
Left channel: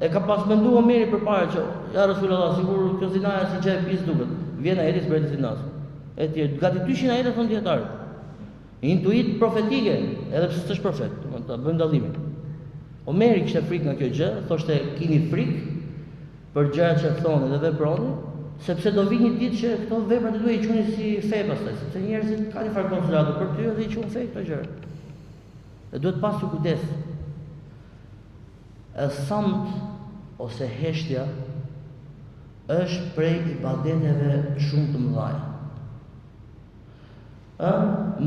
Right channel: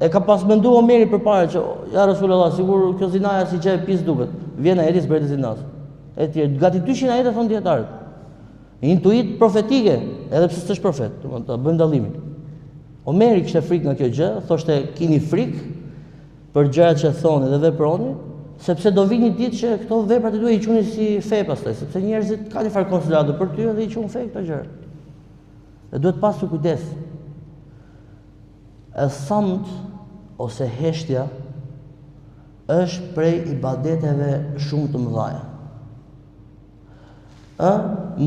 E ka pas menduar Omeri përpara që ja Rasulullah, sigur kjo zinaja si çe pis duket. Vjen ajeti për të zinas. Etj, gati 200 ajete thon dietarët. Intuit profetike, edhe pse s'është profet, domethënë ta bën dallimin. Omeri kishte frikë nga kjo gjë, thoshte keni frikë për gjërat që thonë dhe veproni, sepse do vi një ditë që këto veprat e tua i quhen si fe pastaj, sepse njerëzit kanë një farë konsiderado për ty dhe i quhen fe këto gjëra. E duhet pasur kujdes. E samt ose heshtja është prej ibadeteve shumë të mëdha.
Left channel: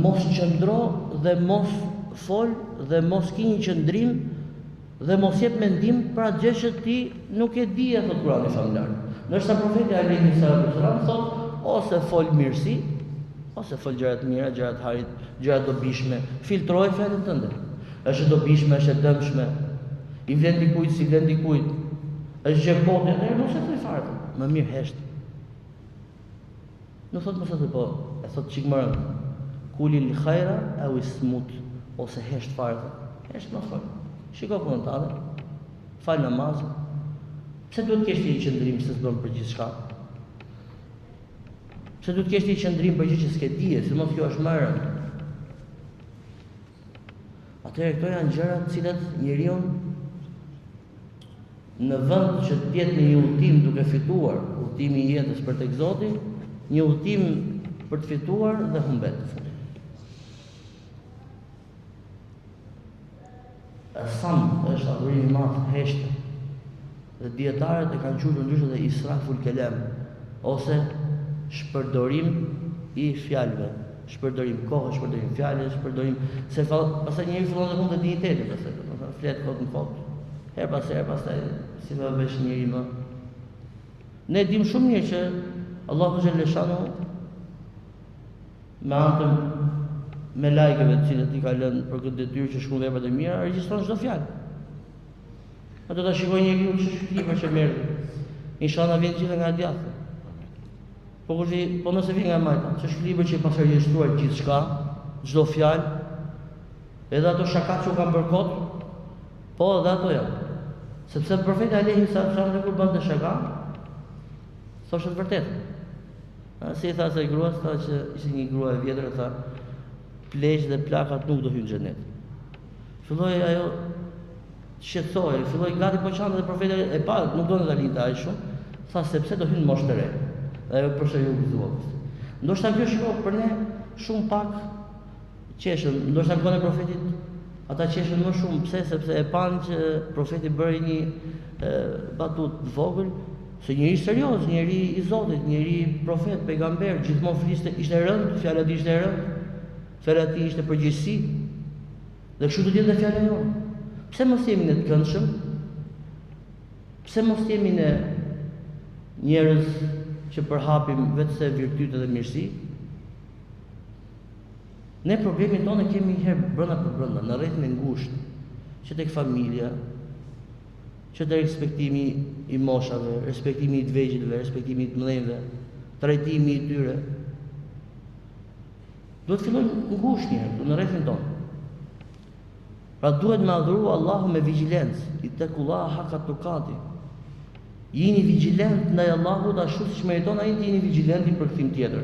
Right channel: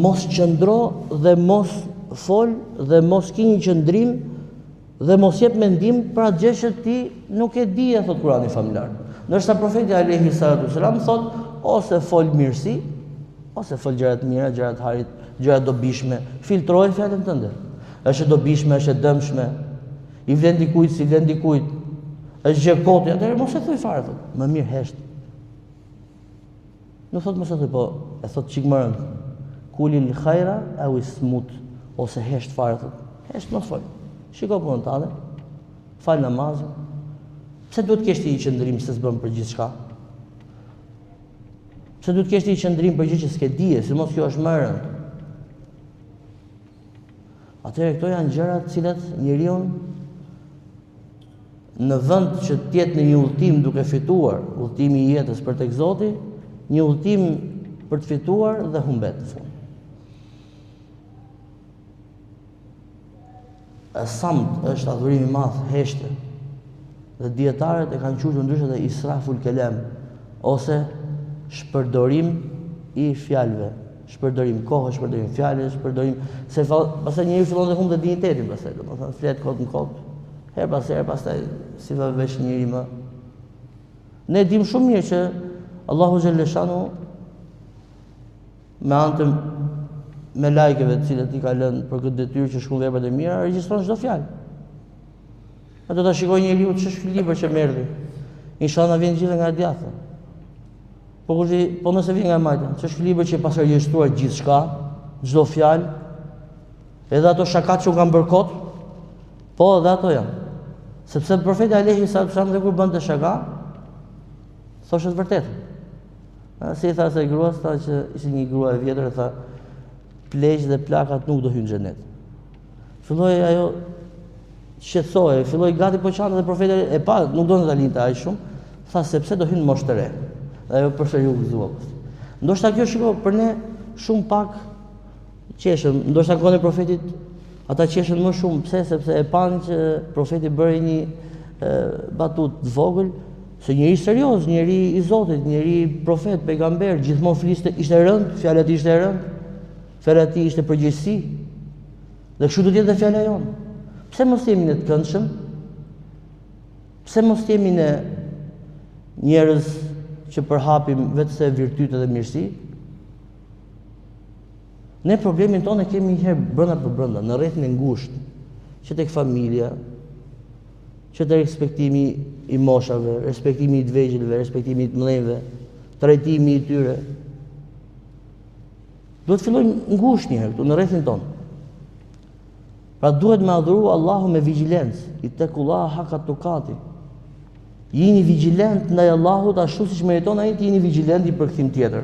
Mos qëndro dhe mos fol dhe mos ki një qëndrim dhe mos jep mendim për atë gjë që ti nuk e di, thot Kurani famlar. Ndërsa profeti alayhi salatu wasalam thot ose fol mirësi, ose fol gjëra të mira, gjëra të harit, gjëra dobishme, filtroj fjalën tënde. Është e dobishme, është e dëmshme, i vlen dikujt, si vlen dikujt, është gjë kote, atëherë mos e thuaj fare. Më mirë hesht. Nuk thot mos e thuaj, po e thot çik më rënd. Kulil khaira aw ismut, ose hesht fare. Hesht mos fol. Shiko punën tale, fal namaz. Pse duhet të kesh ti qëndrim se s'bën për gjithçka? Pse duhet të kesh ti qëndrim për gjë që s'ke dije, sidomos kjo është më e rëndë. Atëherë këto janë gjëra të cilat njeriu në vend që të jetë në një udhtim duke fituar udhtimin e jetës për tek Zoti, një udhtim për të fituar dhe humbet. Samt është adhurim i madh, heshte. Dhe dietarët e kanë quajtur ndryshe dhe israful kelam, ose shpërdorim i fjalëve, shpërdorim kohë, shpërdorim fjalë, shpërdorim se pastaj njeriu fillon të humbë dinjitetin, pastaj domethënë flet kot në kot, her pas here, pastaj si va vesh njëri më. Ne dim shumë mirë që Allahu xhaleshanu me anë me lajkeve të cilët i ka lënë për këtë detyrë që shkruan veprat e mira, regjistron çdo fjalë. Ato ta shikoj njeriu ç'është libër që merr. Inshallah vjen gjithë nga djathtë. Po nëse vjen nga majta, ç'është libër që pas regjistruar gjithçka, çdo fjalë, edhe ato shakat që u kanë bërë kot, po edhe ato janë. Sepse profeti alayhi sallam dhe kur bënte shaka, thoshte të vërtetë. Si tha se gruas, tha që ishte një grua e vjetër, tha pleqë dhe plakat nuk do hyjnë në xhenet. Filloi ajo shqetësohej, filloi gati po çante dhe profeti e pa, nuk donte ta linte aq shumë, tha sepse do hyjnë moshë të re. Ajo përsëri u gëzua. Ndoshta kjo shiko për ne shumë pak qeshëm, ndoshta kohën e profetit ata qeshën më shumë, pse? Sepse e panë që profeti bëri një batut të vogël, se njëri serioz, njëri i Zotit, njëri profet, pejgamber, gjithmonë fliste, ishte rënd, fjala e tij ishte rënd, fjala e tij ishte përgjegjësi. Dhe kështu do të jetë dhe fjala jonë. Pse mos jemi ne të këndshëm? Pse mos jemi ne njerëz që përhapim vetëse virtyte dhe mirësi? Ne problemin tonë kemi një herë brenda për brenda, në rrethin e ngushtë, që tek familja, që të respektimi i moshave, respektimi i të vegjëlve, respektimi i të mëdhenjve, trajtimi i tyre. Duhet të fillojmë ngushtë një herë në rrethin tonë. Pra duhet me adhuru Allahu me vigjilencë, ittaqullaha haqqa tuqati. Jini vigjilent ndaj Allahut ashtu siç meriton ai të jeni vigjilent i përkthim tjetër.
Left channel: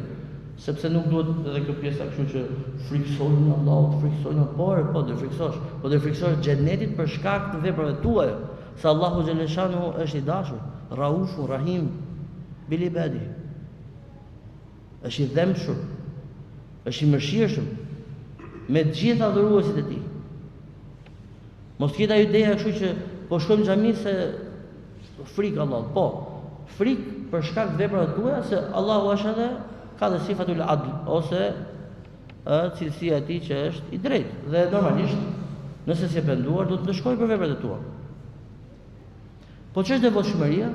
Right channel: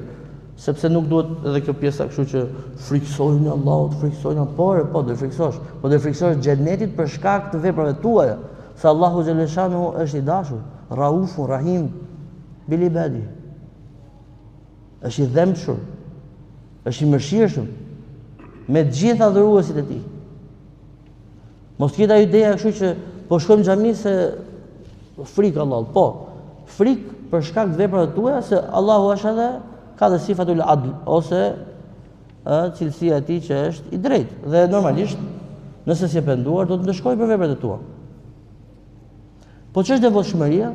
Sepse nuk duhet edhe kjo pjesa kështu që friksojnë Allahut, friksojnë po do friksosh, po do friksosh xhenetit për shkak të veprave tuaja. Se Allahu xhaleshanu është i dashur, Raufun Rahim bil ibadi. Është i dhëmshur, është i mëshirshëm me të gjithë adhuruesit e tij. Mos ketë ajo ideja kështu që po shkojmë në xhami se frikë Allahut, po. Frikë për shkak të veprave tuaja se Allahu është edhe ka dhe sifatul adl, ose cilësia e tij që është i drejtë. Dhe normalisht, nëse s'e penduar, do të ndeshkojë për veprat e tua. Po ç'është devotshmëria?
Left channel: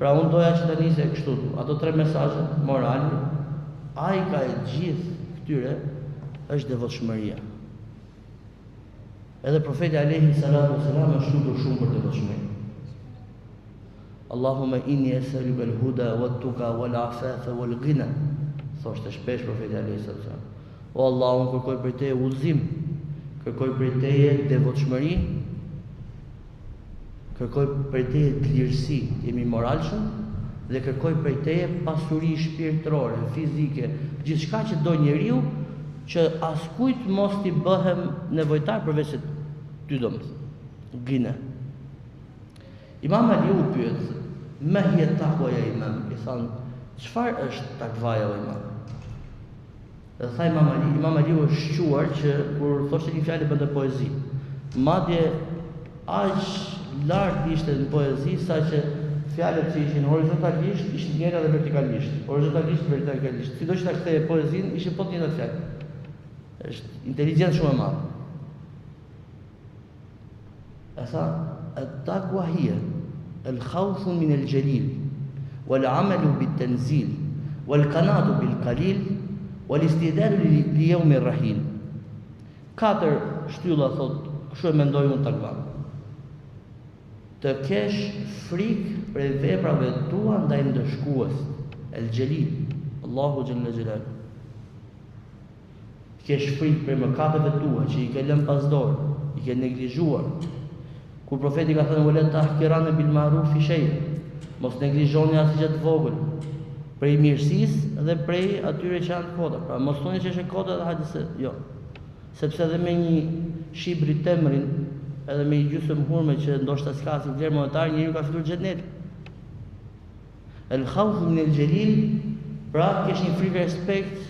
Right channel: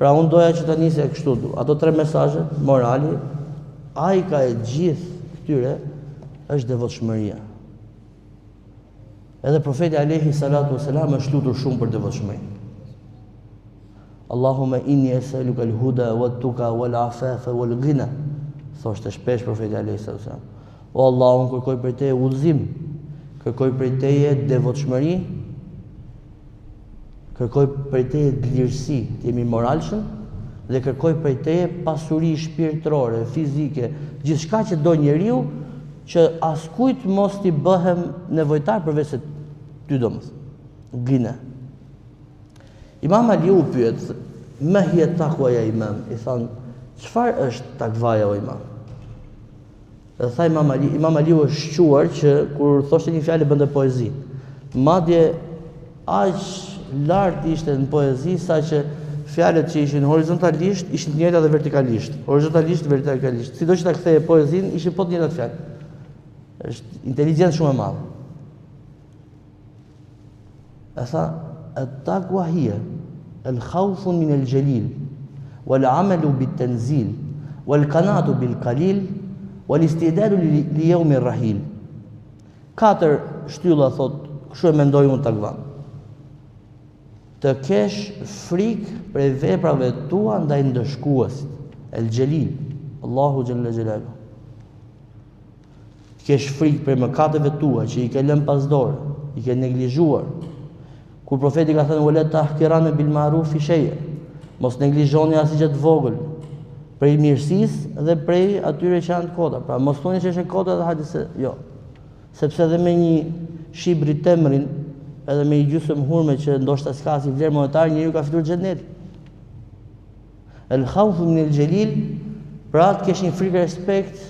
Pra unë doja që ta nisë kështu, ato 3 mesazhe morale, ai ka e gjithë këtyre është devotshmëria. Edhe profeti alayhi salatu wasalam është lutur shumë për devotshmëri. Allahumma inni as'aluka al-huda wat-tuqa wal-afafa wal-ghina. Thoshte shpesh profeti alayhi salatu wasalam. O Allah, unë kërkoj prej teje udhëzim, kërkoj prej teje devotshmëri, kërkoj prej teje lirësi, të jemi moralshëm, dhe kërkoj prej teje pasuri shpirtërore, fizike, gjithçka që do njeriu, që askujt mos t'i bëhem nevojtar përveç se ty domethënë. Gjina. Imam Ali u pyet, "Ma hiya taqwa ya imam?" I thon, "Çfarë është takvaja o imam?" Dhe tha Imam Ali u shquar që kur thoshte një fjalë bënte poezi. Madje aq lart ishte në poezi saqë fjalët që ishin horizontalisht ishin të njëjta dhe vertikalisht. Horizontalisht dhe vertikalisht. Sido që ta ktheje poezinë, ishin po të njëjtat fjalë. Është inteligjencë shumë e madhe. E tha, "At-taqwa hiya al-khawfu min al-jalil wal-'amalu bit-tanzil wal-qana'atu bil-qalil wal-istidadu li yawmi ar-rahil." 4 shtylla thot, kështu e mendoj unë takva. Të kesh frikë për veprave tua ndaj ndëshkuesit, el-Jalil, Allahu xhalla xhelalu. Të kesh frikë për mëkateve tua që i ke lënë pas dorë, i ke neglizhuar. Kur profeti ka thënë "Wala tahqirana bil ma'ruf shay'a", mos neglizhoni asgjë të vogël, prej mirësisë dhe prej atyre që janë të kota. Pra mos thoni që është kota dhe hajde se jo. Sepse edhe me një shibri temrin, edhe me një gjysmë hurme që ndoshta s'ka si vlerë monetare, njeriu ka fituar xhenet. El khawfu min el jalil, pra të kesh një frikë respekt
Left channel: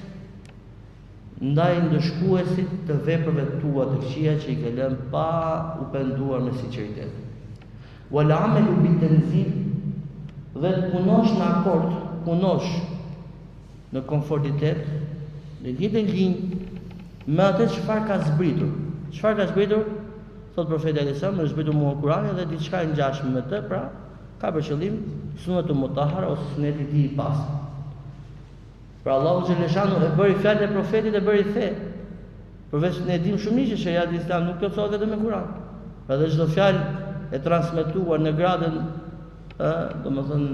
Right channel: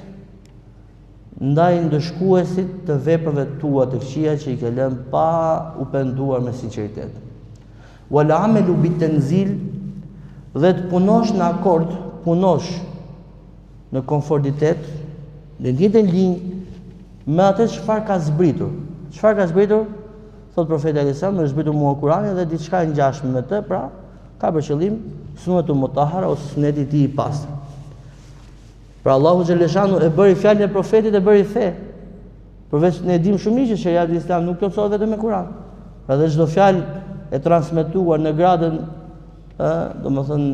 ndaj ndëshkuesit të veprave tua të këqija që i ke lënë pa u penduar me sinqeritet. Wal amalu bit tanzil, dhe të punosh në akord, punosh në konformitet, në njëjtën linjë me atë çfarë ka zbritur. Çfarë ka zbritur? Thot profeti alayhis salam, është zbritur mua Kurani dhe diçka e ngjashme me të, pra ka për qëllim sunetu mutahhara ose suneti i tij i pastër. Pra Allahu xhaleshanu e bëri fjalën e profetit e bëri fe. Përveç ne dim shumë mirë që sheria e Islam nuk plotësohet vetëm me Kur'an. Pra dhe çdo fjalë e transmetuar në gradën, domethënë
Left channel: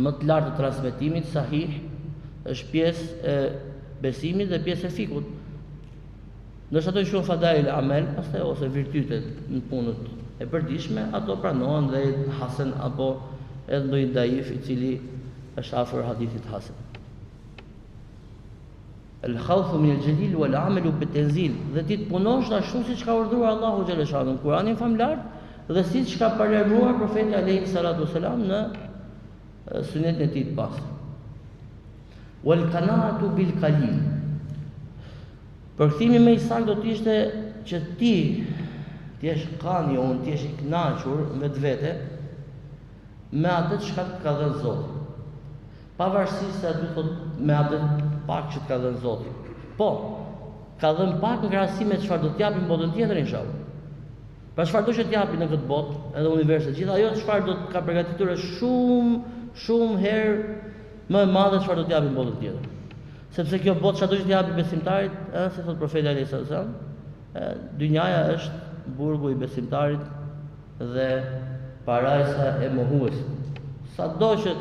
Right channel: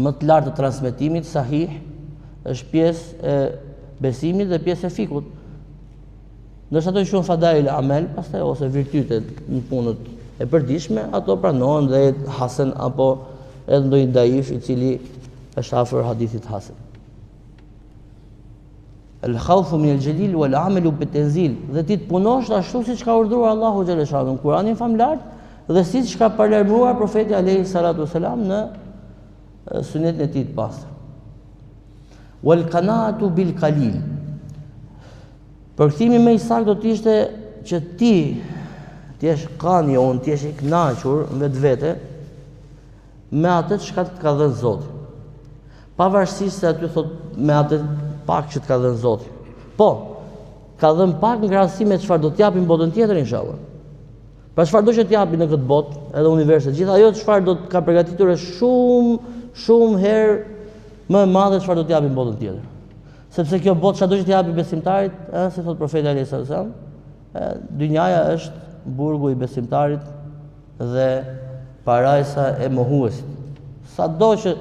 më të lartë të transmetimit sahih, është pjesë e besimit dhe pjesë e fikut. Nëse ato quhen fadail amel, pastaj ose virtytet në punët e përditshme, ato pranohen dhe hasan apo edhe ndonjë daif i cili është afër hadithit hasan. El-khawfu min el-jalil wal amalu bit-tanzil, dhe ti të punosh ashtu siç ka urdhëruar Allahu xhaleshanu në Kur'anin famlar dhe siç ka paralajmëruar profeti alayhi salatu wasalam në sunetin e tij të pastër. Wal qanaatu bil qalil. Përkthimi më i saktë do të ishte që ti të jesh qani ose të jesh i kënaqur vetvete me atë çka të ka dhënë Zoti. Pavarësisht se aty thot me atë pak që të ka dhënë Zoti. Po, ka dhënë pak në krahasim me çfarë do të japim botën tjetër inshallah. Pra çfarë do të japi në këtë botë, edhe universi, gjithë ajo çfarë do të ka përgatitur është shumë herë më e madhe çfarë do të japim botën tjetër. Sepse kjo botë çfarë do të japi besimtarit, si thot profeti alayhis salam, dynjaja është burgu i besimtarit dhe parajsa e mohuesit. Sado që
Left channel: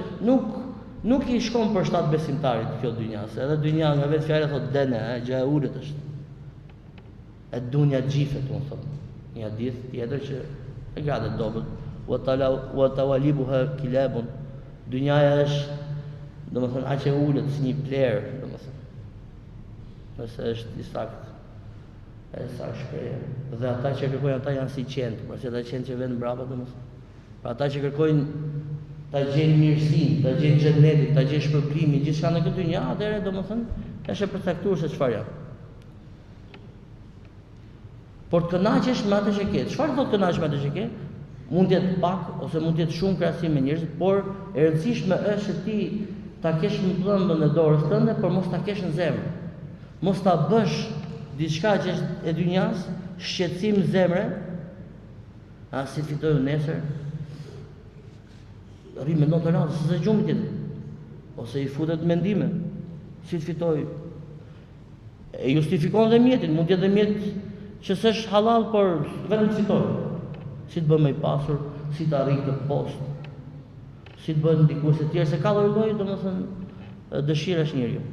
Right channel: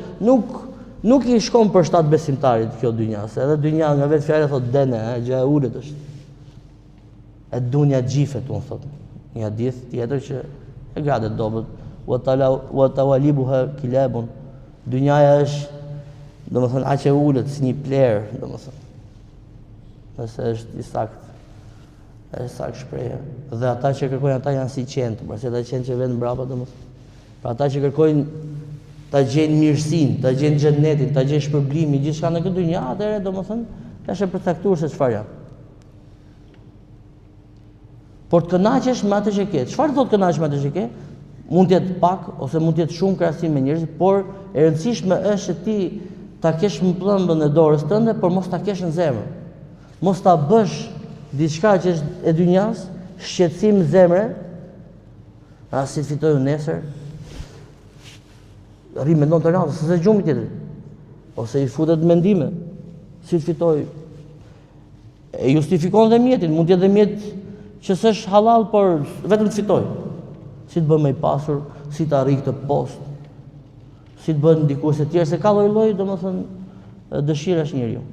nuk i shkon për shtat besimtarit kjo dynja, se edhe dynja nga vetë fjala thot dene, gjë e ulët është. E dunja gjifet, unë thot. Një hadith tjetër që e gradet dobët, wa tawalibuha kilabun. Dynjaja është, domethënë aq e ulët si një plerë, domethënë. Nëse është i saktë. Është saktë shprehje. Dhe ata që kërkojnë ata janë si qenë, pasi ata qenë që vjen mbrapa domethënë. Pra ata që kërkojnë ta gjejnë mirësinë, ta gjejnë xhenetin, ta gjejnë shpërblimin, gjithçka në këtë dynjë, atëherë domethënë është e përcaktuar se çfarë janë. Por të kënaqesh me atë që ke. Çfarë do të kënaqesh me atë që ke? Mund të jetë pak ose mund të jetë shumë krahasim me njerëzit, por e rëndësishme është që ti ta kesh në pllëmbën e dorës tënde, por mos ta kesh në zemër. Mos ta bësh diçka që është e dynjas, shqetësim zemre, si të fitoj nesër, rri mendon të radhë, se gjumi tjetër, ose i futet mendime, si të fitoj, e justifikon dhe mjetin, mund t'jetë dhe mjet që s'është halal, por vetëm të fitoj, si të bën më i pasur, si të arrijë këtë post, si të bën dikush e tjerë, se ka lloj, domethënë dëshirash njeriu.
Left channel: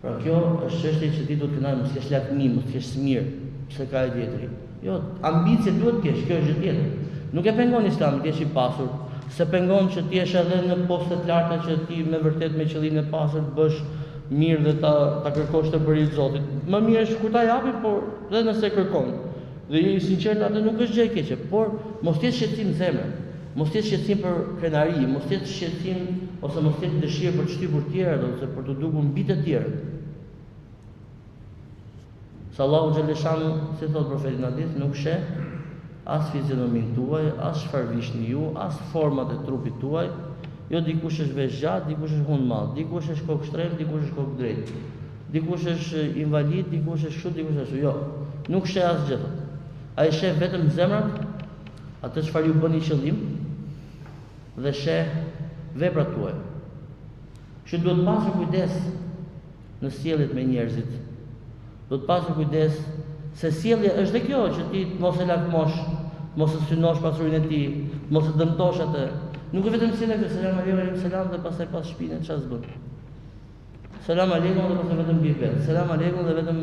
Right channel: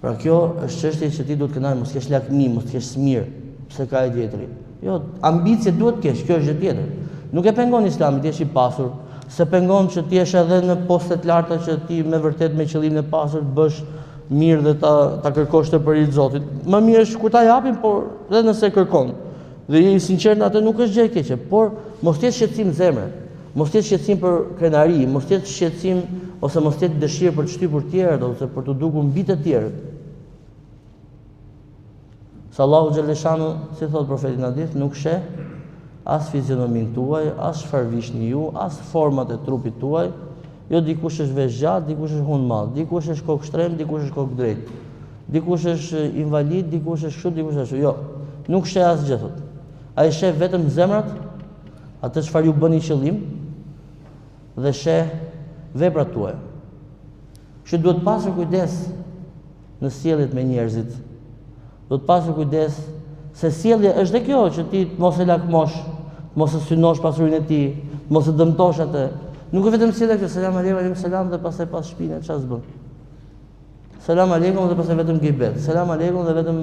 Pra kjo është çështje që ti duhet të kënaqesh, mos kesh lakmi, mos kesh smir, pse ka e tjetri. Jo, ambicie duhet të kesh, kjo është gjë tjetër. Nuk e pengon Islami të jesh i pasur, se pengon që ti jesh edhe në poste të larta që ti me vërtet me qëllimin e pasur të bësh mirë dhe ta kërkosh të për i Zotit. Më mirë është kur ta japin, por edhe nëse kërkon. Dhe i sinqert atë nuk është gjë e keqe, por mos të jesh shqetësim zemre, mos të jesh shqetësim për krenari, mos të jesh shqetësim ose mos të jesh dëshirë për të shtypur të tjerët ose për të dukur mbi të tjerët. Sa Allahu xhaleshanu, si thot profeti në hadith, nuk sheh as fizionomin tuaj, as çfarë vishni ju, as format e trupit tuaj. Jo, dikush është vesh gjatë, dikush është hund madh, dikush është kokë shtrem, dikush është kokë drejt. Dikush është invalid, dikush është kështu, dikush është ashtu. Jo, nuk sheh asgjë thot. Ai sheh vetëm zemrat, atë çfarë ju bëni qëllim dhe sheh veprat tuaja. Kështu duhet pasur kujdes në sjelljet me njerëzit. Do të pasur kujdes se sjellja është dhe kjo që ti mos e lakmosh, mos e synosh pasurinë e tij, mos e dëmtosh atë. Nuk është vetëm sjellja, selam aleikum, selam dhe pastaj pas shpinën çfarë s'bën. Selam aleikum dhe pastaj vetëm gibet. Selam aleikum dhe vetëm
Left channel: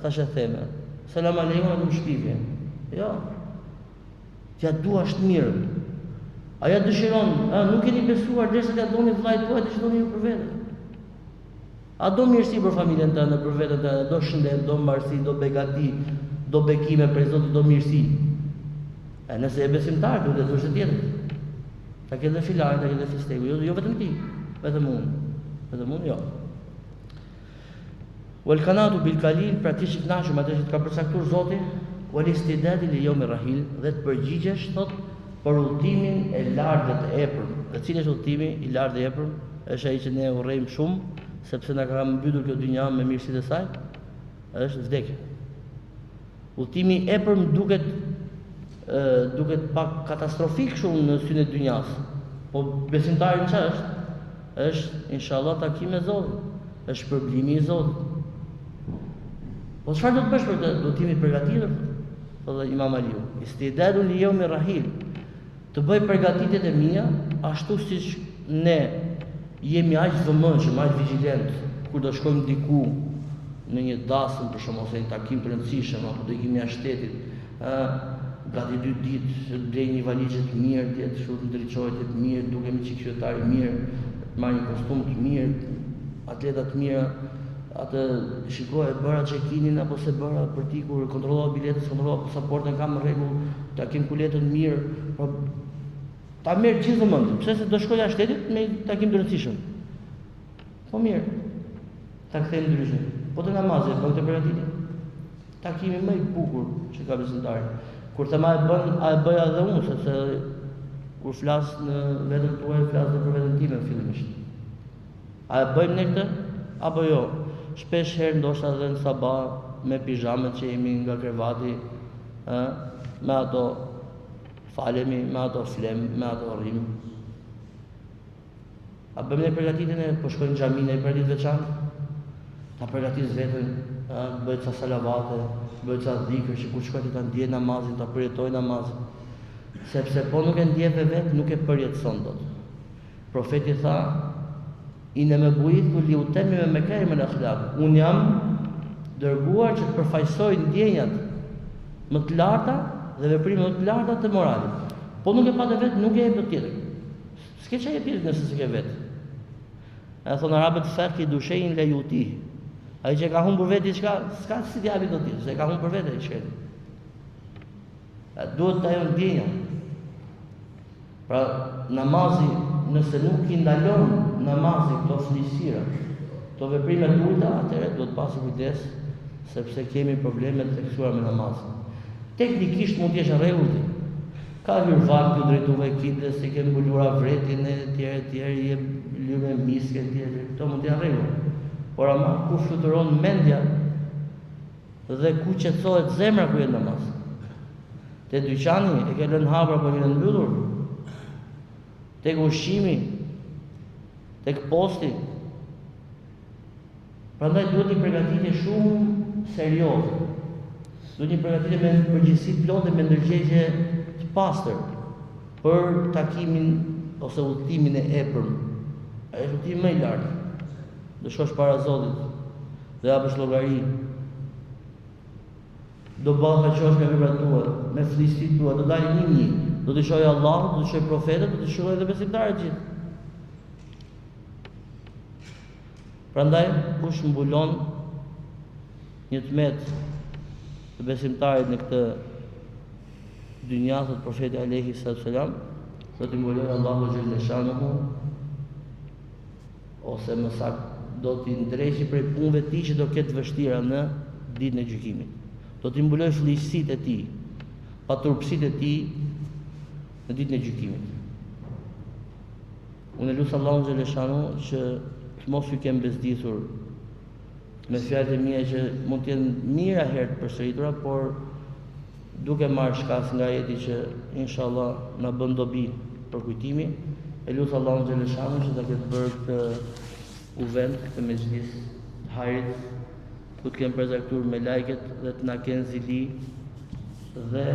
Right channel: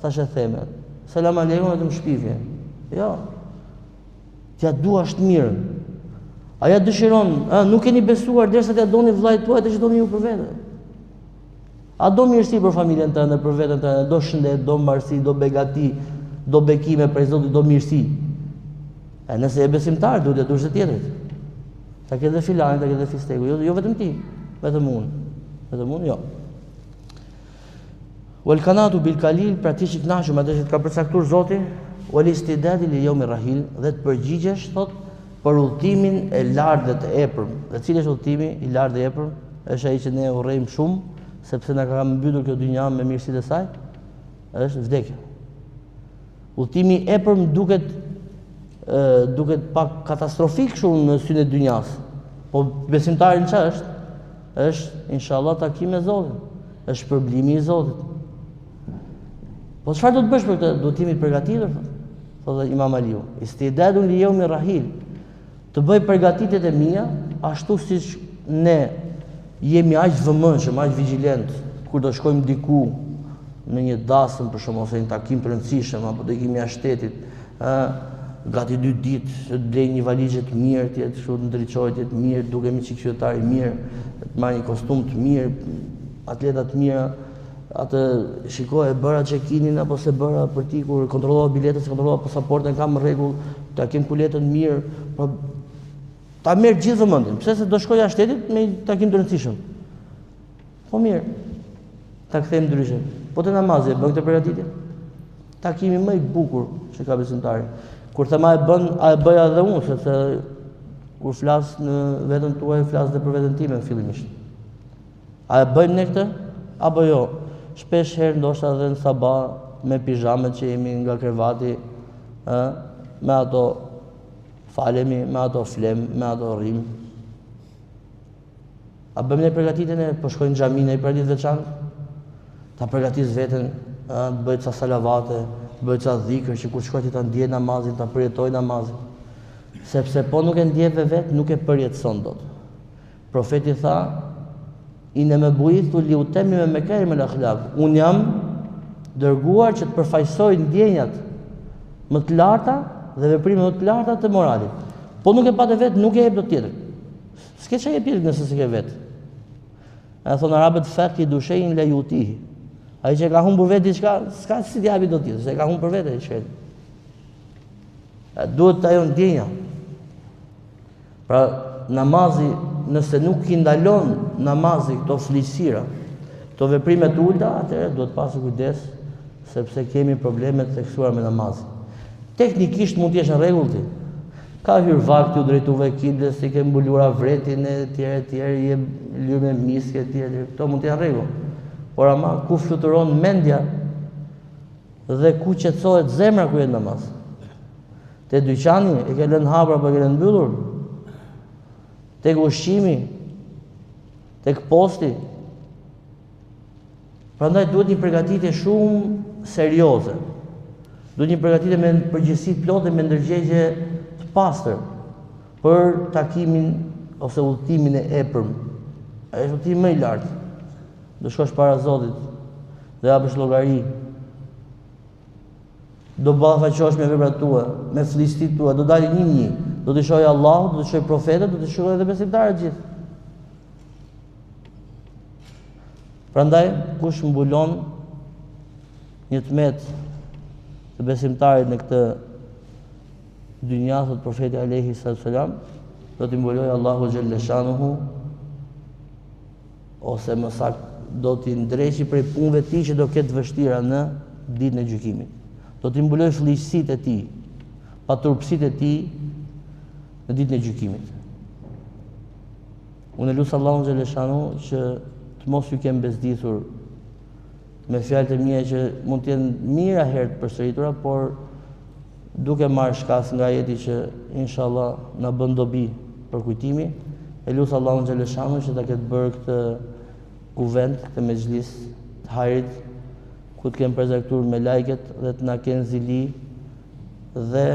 thashë theme. Selam aleikum vetëm shpifje. Jo. T'ja duash të mirë. Aja dëshiron, nuk keni besuar derisa t'ja doni vllajt tuaj, atë që doni ju për vete. A do mirësi për familjen tënde, për veten tënde, do shëndet, do mbarësi, do begati, do bekime për Zotin, do mirësi. Nëse e besimtar, duhet të dush të tjetrit. Ta ke dhe filarin, ta ke dhe fisteku, jo vetëm ti, vetëm unë. Vetëm unë, jo. Wal kanatu bil kalil, pra ti që kënaqur me atë që ka përcaktuar Zoti, wal istidad li yawm rahil, dhe të përgjigjesh thot për udhtimin e lartë dhe të epërm. Dhe cili është udhtimi i lartë dhe i epërm? Është ai që ne urrejmë shumë, sepse na ka mbytur kjo dynja me mirësitë e saj, është vdekja. Udhtimi i epërm duket pak katastrofik shumë në syrin e dynjas. Po besimtari në çfarë është? Është inshallah takim me Zotin, është përblimi i Zotit. Po çfarë do të bësh për këtë? Do të jemi të përgatitur, thotë Imam Aliu. Istidadun li yawmi rahil. Të bëj përgatitjet e mia ashtu siç ne jemi aq vëmendshëm, aq vigjilent kur do shkojmë diku në një dasëm për shkak ose një takim të rëndësishëm apo do ikimi jashtë shtetit, gati 2 ditë të blej një valizhe të mirë, të jetë kështu të ndriçohet të mirë, dukemi si qytetar i mirë, të marr një kostum të mirë, atleta të mira, atë shikoj e bëra check-in-in apo se bëra për ti kur kontrollova biletën, se kontrollova pasaportën, kam në rregull, takim kuletën mirë, po ta merr gjithë vëmendjen. Pse se do shkoj jashtë shtetit me takim të rëndësishëm. Po mirë. Ta kthejmë ndryshe. Po te namazi bën këtë përgatitje. Takimi më i bukur që ka besimtari. Kur thema e bën, a e bëja edhe unë, sepse kur flas në veten tuaj, flas edhe për veten time fillimisht. A e bëjmë ne këtë apo jo? Shpesh herë ndoshta edhe në sabah me pijamet që jemi nga krevati, me ato falemi, me ato flem, me ato rrim. A bëjmë ne përgatitjen e po shkojmë në xhami në për ditë veçantë? Ta përgatis veten, bëj ca salavate, bëj ca dhikr që kur shkoj ti ta ndjej namazin, ta përjetoj namazin. Sepse po nuk e ndjeve vetë, nuk e përjetëson dot. Profeti tha: "Inna bu'ithu li utammima makarim al-akhlaq." Unë jam dërguar që të përfaqësoj ndjenjat më të larta dhe veprimet më të larta të moralit. Po nuk e patë vetë, nuk e jep dot tjetër. S'ke çaj tjetër nëse s'ke vetë. E thonë arabët faqi dushein la yuti. Ai që ka humbur vetë diçka, s'ka si t'i japi dot tjetër, se ka humbur vetë diçka. Duhet ajo ndjenja. Pra namazi, nëse nuk i ndalon namazi këto flisira, këto veprime të ulta, atëherë duhet pasur kujdes, sepse kemi probleme të theksuara me namazin. Teknikisht mund të jesh në rregull ti. Ka hyrë vakti u drejtuve kindes, si ke mbulura vretin e tjerë, je lyer me miske e tjerë, këto mund të jenë rregull. Por ama ku fluturon mendja dhe ku qetësohet zemra kur je në namaz. Te dyqani e ke lënë hapur apo e ke lënë mbyllur? Tek ushqimi, tek posti. Prandaj duhet një përgatitje shumë serioze. Duhet një përgatitje me përgjegjësi plotë me ndërgjegje të pastër për takimin ose udhtimin e epërm. Ai është udhtimi më i lartë. Do shkosh para Zotit dhe japësh llogari. Do ballafaqohesh me veprat tua, me flistit tua, do dalin një. Do të shohë Allah, do të shohë profetët, do të shohë edhe besimtarët gjithë. Prandaj kush mbulon një tmet të besimtarit në këtë dynja, thot profeti alayhi salam, do t'i mbulojë Allahu xhelle shanuhu, ose më saktë do t'i ndreshi prej punëve të tij që do ketë vështira në ditën e gjykimit. Do t'i mbulojë fllihësitë e tij, paturpsitë e tij në ditën e gjykimit. Unë lut Allahun xhelle shanuhu që të mos ju kem bezdisur me fjalët e mia që mund të jenë mira herë të përsëritura, por duke marrë shkas nga ajeti që inshallah na bën dobi për kujtimin, e lut Allahun xhelle shanuhu që ta ketë bërë këtë kuvent, këtë mezhlis të hajrit, ku të kemë prezertuar me lajket dhe të na kenë zili dhe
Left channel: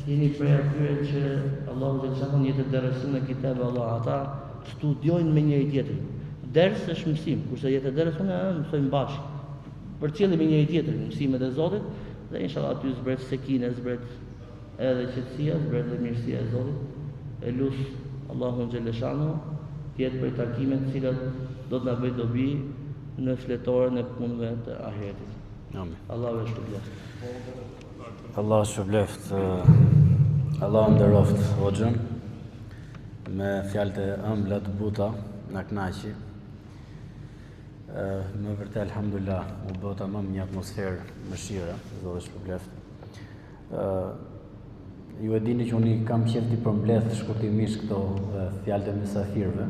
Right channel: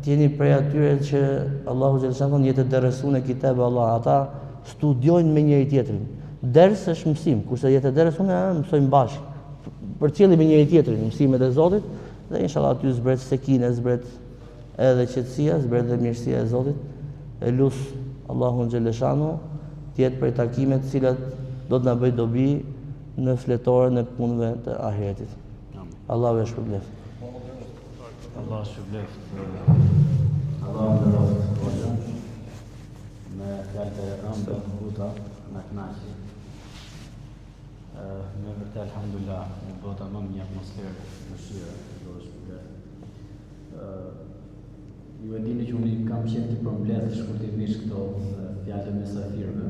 të jeni prej atyre që Allahu xhelle shanuhu jetë dersun e kitab Allah, ata studiojnë me njëri tjetrin. Ders është mësim, kurse jetë dersun e mësojmë bashkë. Përcjellim me njëri tjetrin mësimet e Zotit dhe inshallah aty zbret sekine, zbret edhe qetësia, zbret edhe mirësia e Zotit. E lut Allahun xhelle shanuhu të jetë prej takimet të cilat do të na bëj dobi në fletoren e punëve të ahiretit. Allahu e shpëlbeft. Allahu shpëlbeft. Allahu nderoft hoxhën me fjalët e ëmbla të buta, na kënaqi. Më vërtet alhamdulillah, u bota më një atmosferë mëshire, Zoti shpëlbeft. Ju e dini që unë kam qenë t'i përmbledh shkurtimisht këto fjalët e mysafirëve.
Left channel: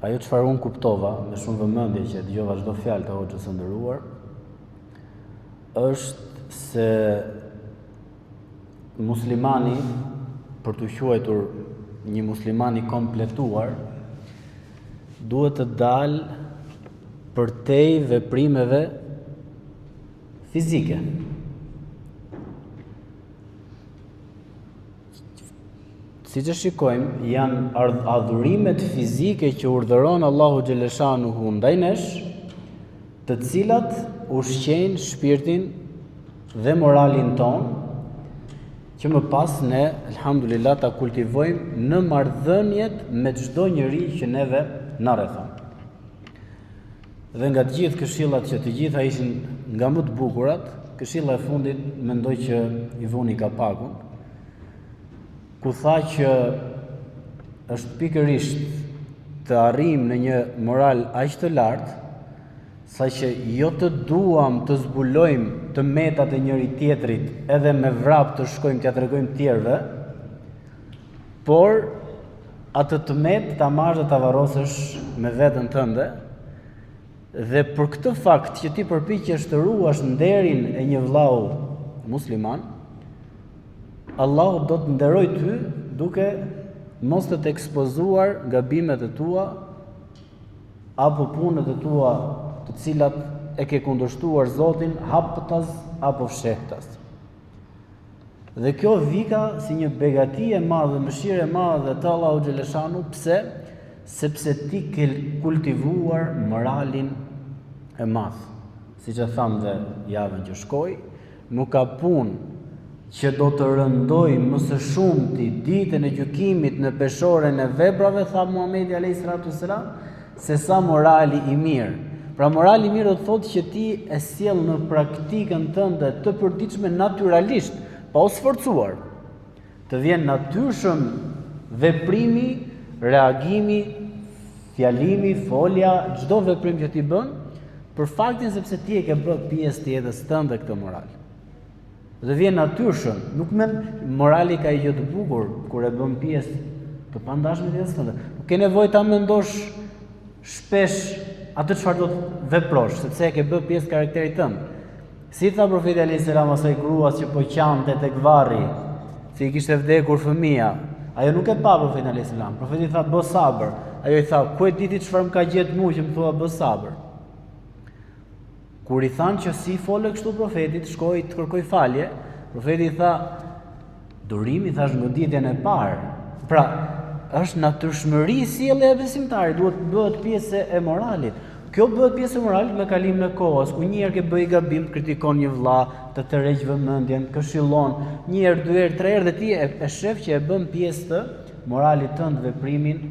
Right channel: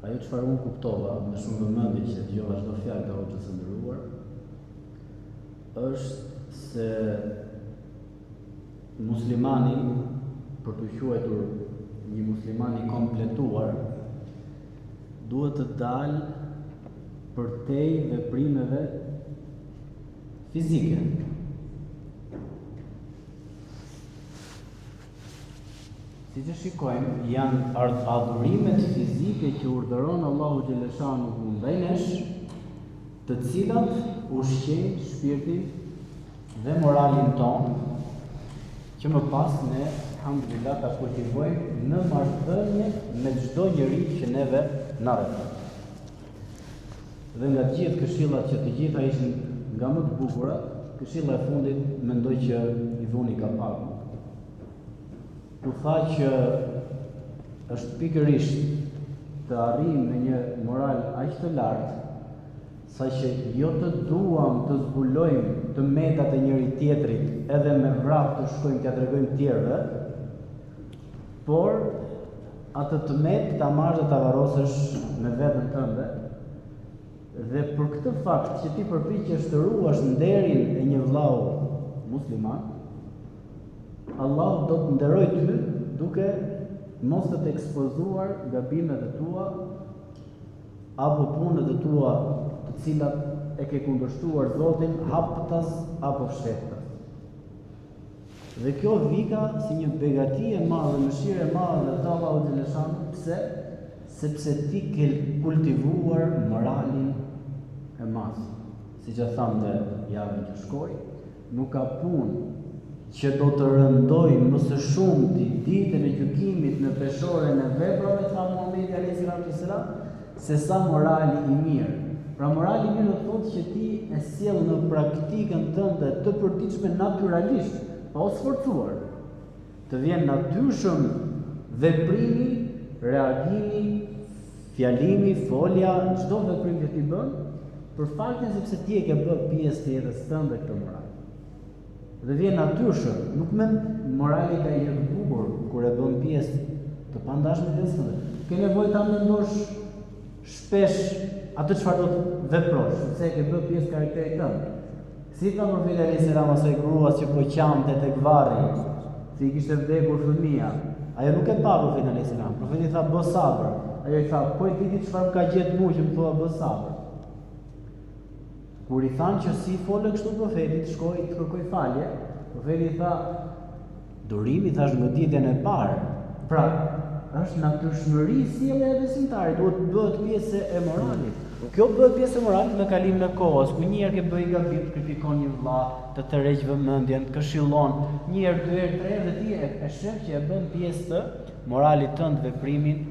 Ajo çfarë unë kuptova me shumë vëmendje që dëgjova çdo fjalë të hoxhës së nderuar, është se muslimani, për të quajtur një musliman i kompletuar, duhet të dalë përtej veprimeve fizike. Siç e shikojmë, janë adhurimet fizike që urdhëron Allahu xhaleshanuhu ndaj nesh, të cilat ushqejnë shpirtin dhe moralin ton, që më pas ne, alhamdulillah, ta kultivojmë në marrëdhëniet me çdo njeri që neve na rrethon. Dhe nga të gjithë këshillat që të gjitha ishin nga më të bukurat, këshilla e fundit mendoj që i vuni kapakun, ku tha që është pikërisht të arrijmë në një moral aq të lartë, saqë jo të duam të zbulojmë të metat e njëri tjetrit edhe me vrap të shkojmë t'ia tregojmë tjerëve, por atë të met ta marrësh dhe ta varrosësh me veten tënde, dhe për këtë fakt që ti përpiqesh të ruash nderin e një vllau musliman, Allahu do të nderoj ty duke mos të ekspozuar gabimet e tua apo punët e tua të cilat e ke kundërshtuar Zotin haptas apo fshehtas. Dhe kjo vika si një begati e madhe, mëshirë e madhe të Allahu xhaleshanu, pse? Sepse ti ke kultivuar moralin e madh. Siç e tham dhe javën që shkoi, nuk ka punë që do të rëndoj më së shumti ditën e gjykimit në peshoren e veprave, tha Muhamedi alayhi salatu wasalam, se sa morali i mirë. Pra morali i mirë do të thotë që ti e sjell në praktikën tënde të përditshme natyralisht, pa u sforcuar. Të vjen natyrshëm veprimi, reagimi, fjalimi, folja, çdo veprim që ti bën, për faktin sepse ti e ke bërë pjesë të jetës tënde këtë moral. Dhe vjen natyrshëm, nuk morali ka gjë të bukur kur e bën pjesë të pandashme të jetës tënde. Ke nevojë ta mendosh shpesh atë çfarë do të veprosh, sepse e ke bërë pjesë të karakterit tënd. Si tha profeti alayhis salam asaj gruas që po qante tek varri, se i kishte vdekur fëmia, ajo nuk e pa profetin alayhis salam. Profeti tha bë sabër. Ajo i tha, ku e di ti çfarë më ka gjetë mua që më thua bë sabër? Kur i thanë që si folë kështu profetit, shkoi të kërkoj falje, profeti tha, durimi thash goditjen e parë. Pra, është natyrshmëri sjellja e besimtarit, duhet të bëhet pjesë e moralit. Kjo bëhet pjesë e moralit me kalimin e kohës, ku një herë ke bëj gabim, kritikon një vëlla, të tërheq vëmendjen, këshillon, një herë, dy herë, tre herë dhe ti e shef që e bën pjesë të moralit tënd veprimin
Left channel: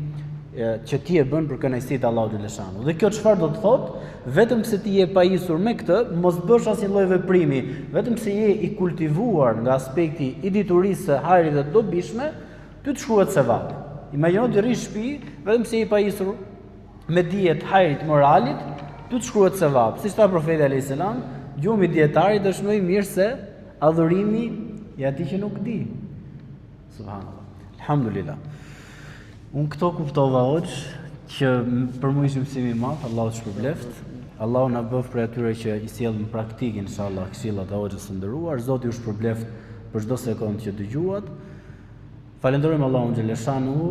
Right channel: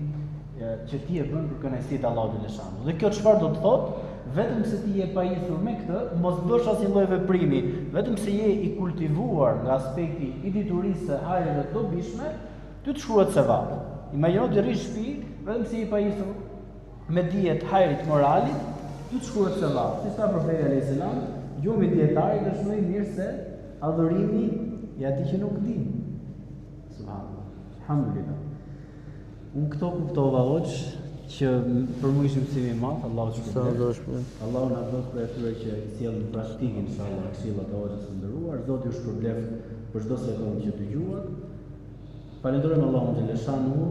që ti e bën për kënaqësitë e Allahut xhaleshanu. Dhe kjo çfarë do të thotë? Vetëm se ti je pajisur me këtë, mos bësh asnjë lloj veprimi, vetëm se je i kultivuar nga aspekti i diturisë së hajrit dhe të dobishme, ty të shkruhet sevap. Imagjino të rrish shtëpi, vetëm se je i pajisur me dijet hajrit moralit, ty të shkruhet sevap. Siç tha profeti alayhis salam, gjumi i dietarit është më i mirë se adhurimi i atij që nuk di. Subhanallah. Alhamdulillah. Unë këto kuptova hoxh që për mua ishte mësim i madh, Allahu të shpërbleft. Allahu na bëf për atyre që i sjell në praktikë inshallah këshillat e hoxhës së nderuar. Zoti ju shpërbleft për çdo sekondë që dëgjuat. Falenderojmë Allahun xhaleshanu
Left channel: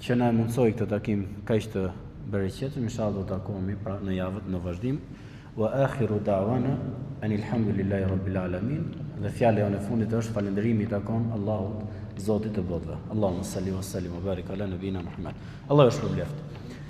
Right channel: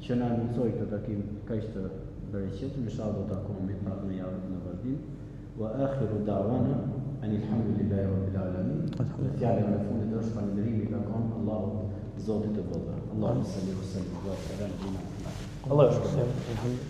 që na mundsoi këtë takim kaq të bereqetshëm. Inshallah do të takohemi pra në javët në vazhdim. Wa akhiru da'wana anil hamdulillahi rabbil alamin. Dhe fjala e fundit është falënderimi i takon Allahut, Zotit të botëve. Allahumma salli wa sallim wa barik ala nabina Muhammad. Allahu shpërbleft.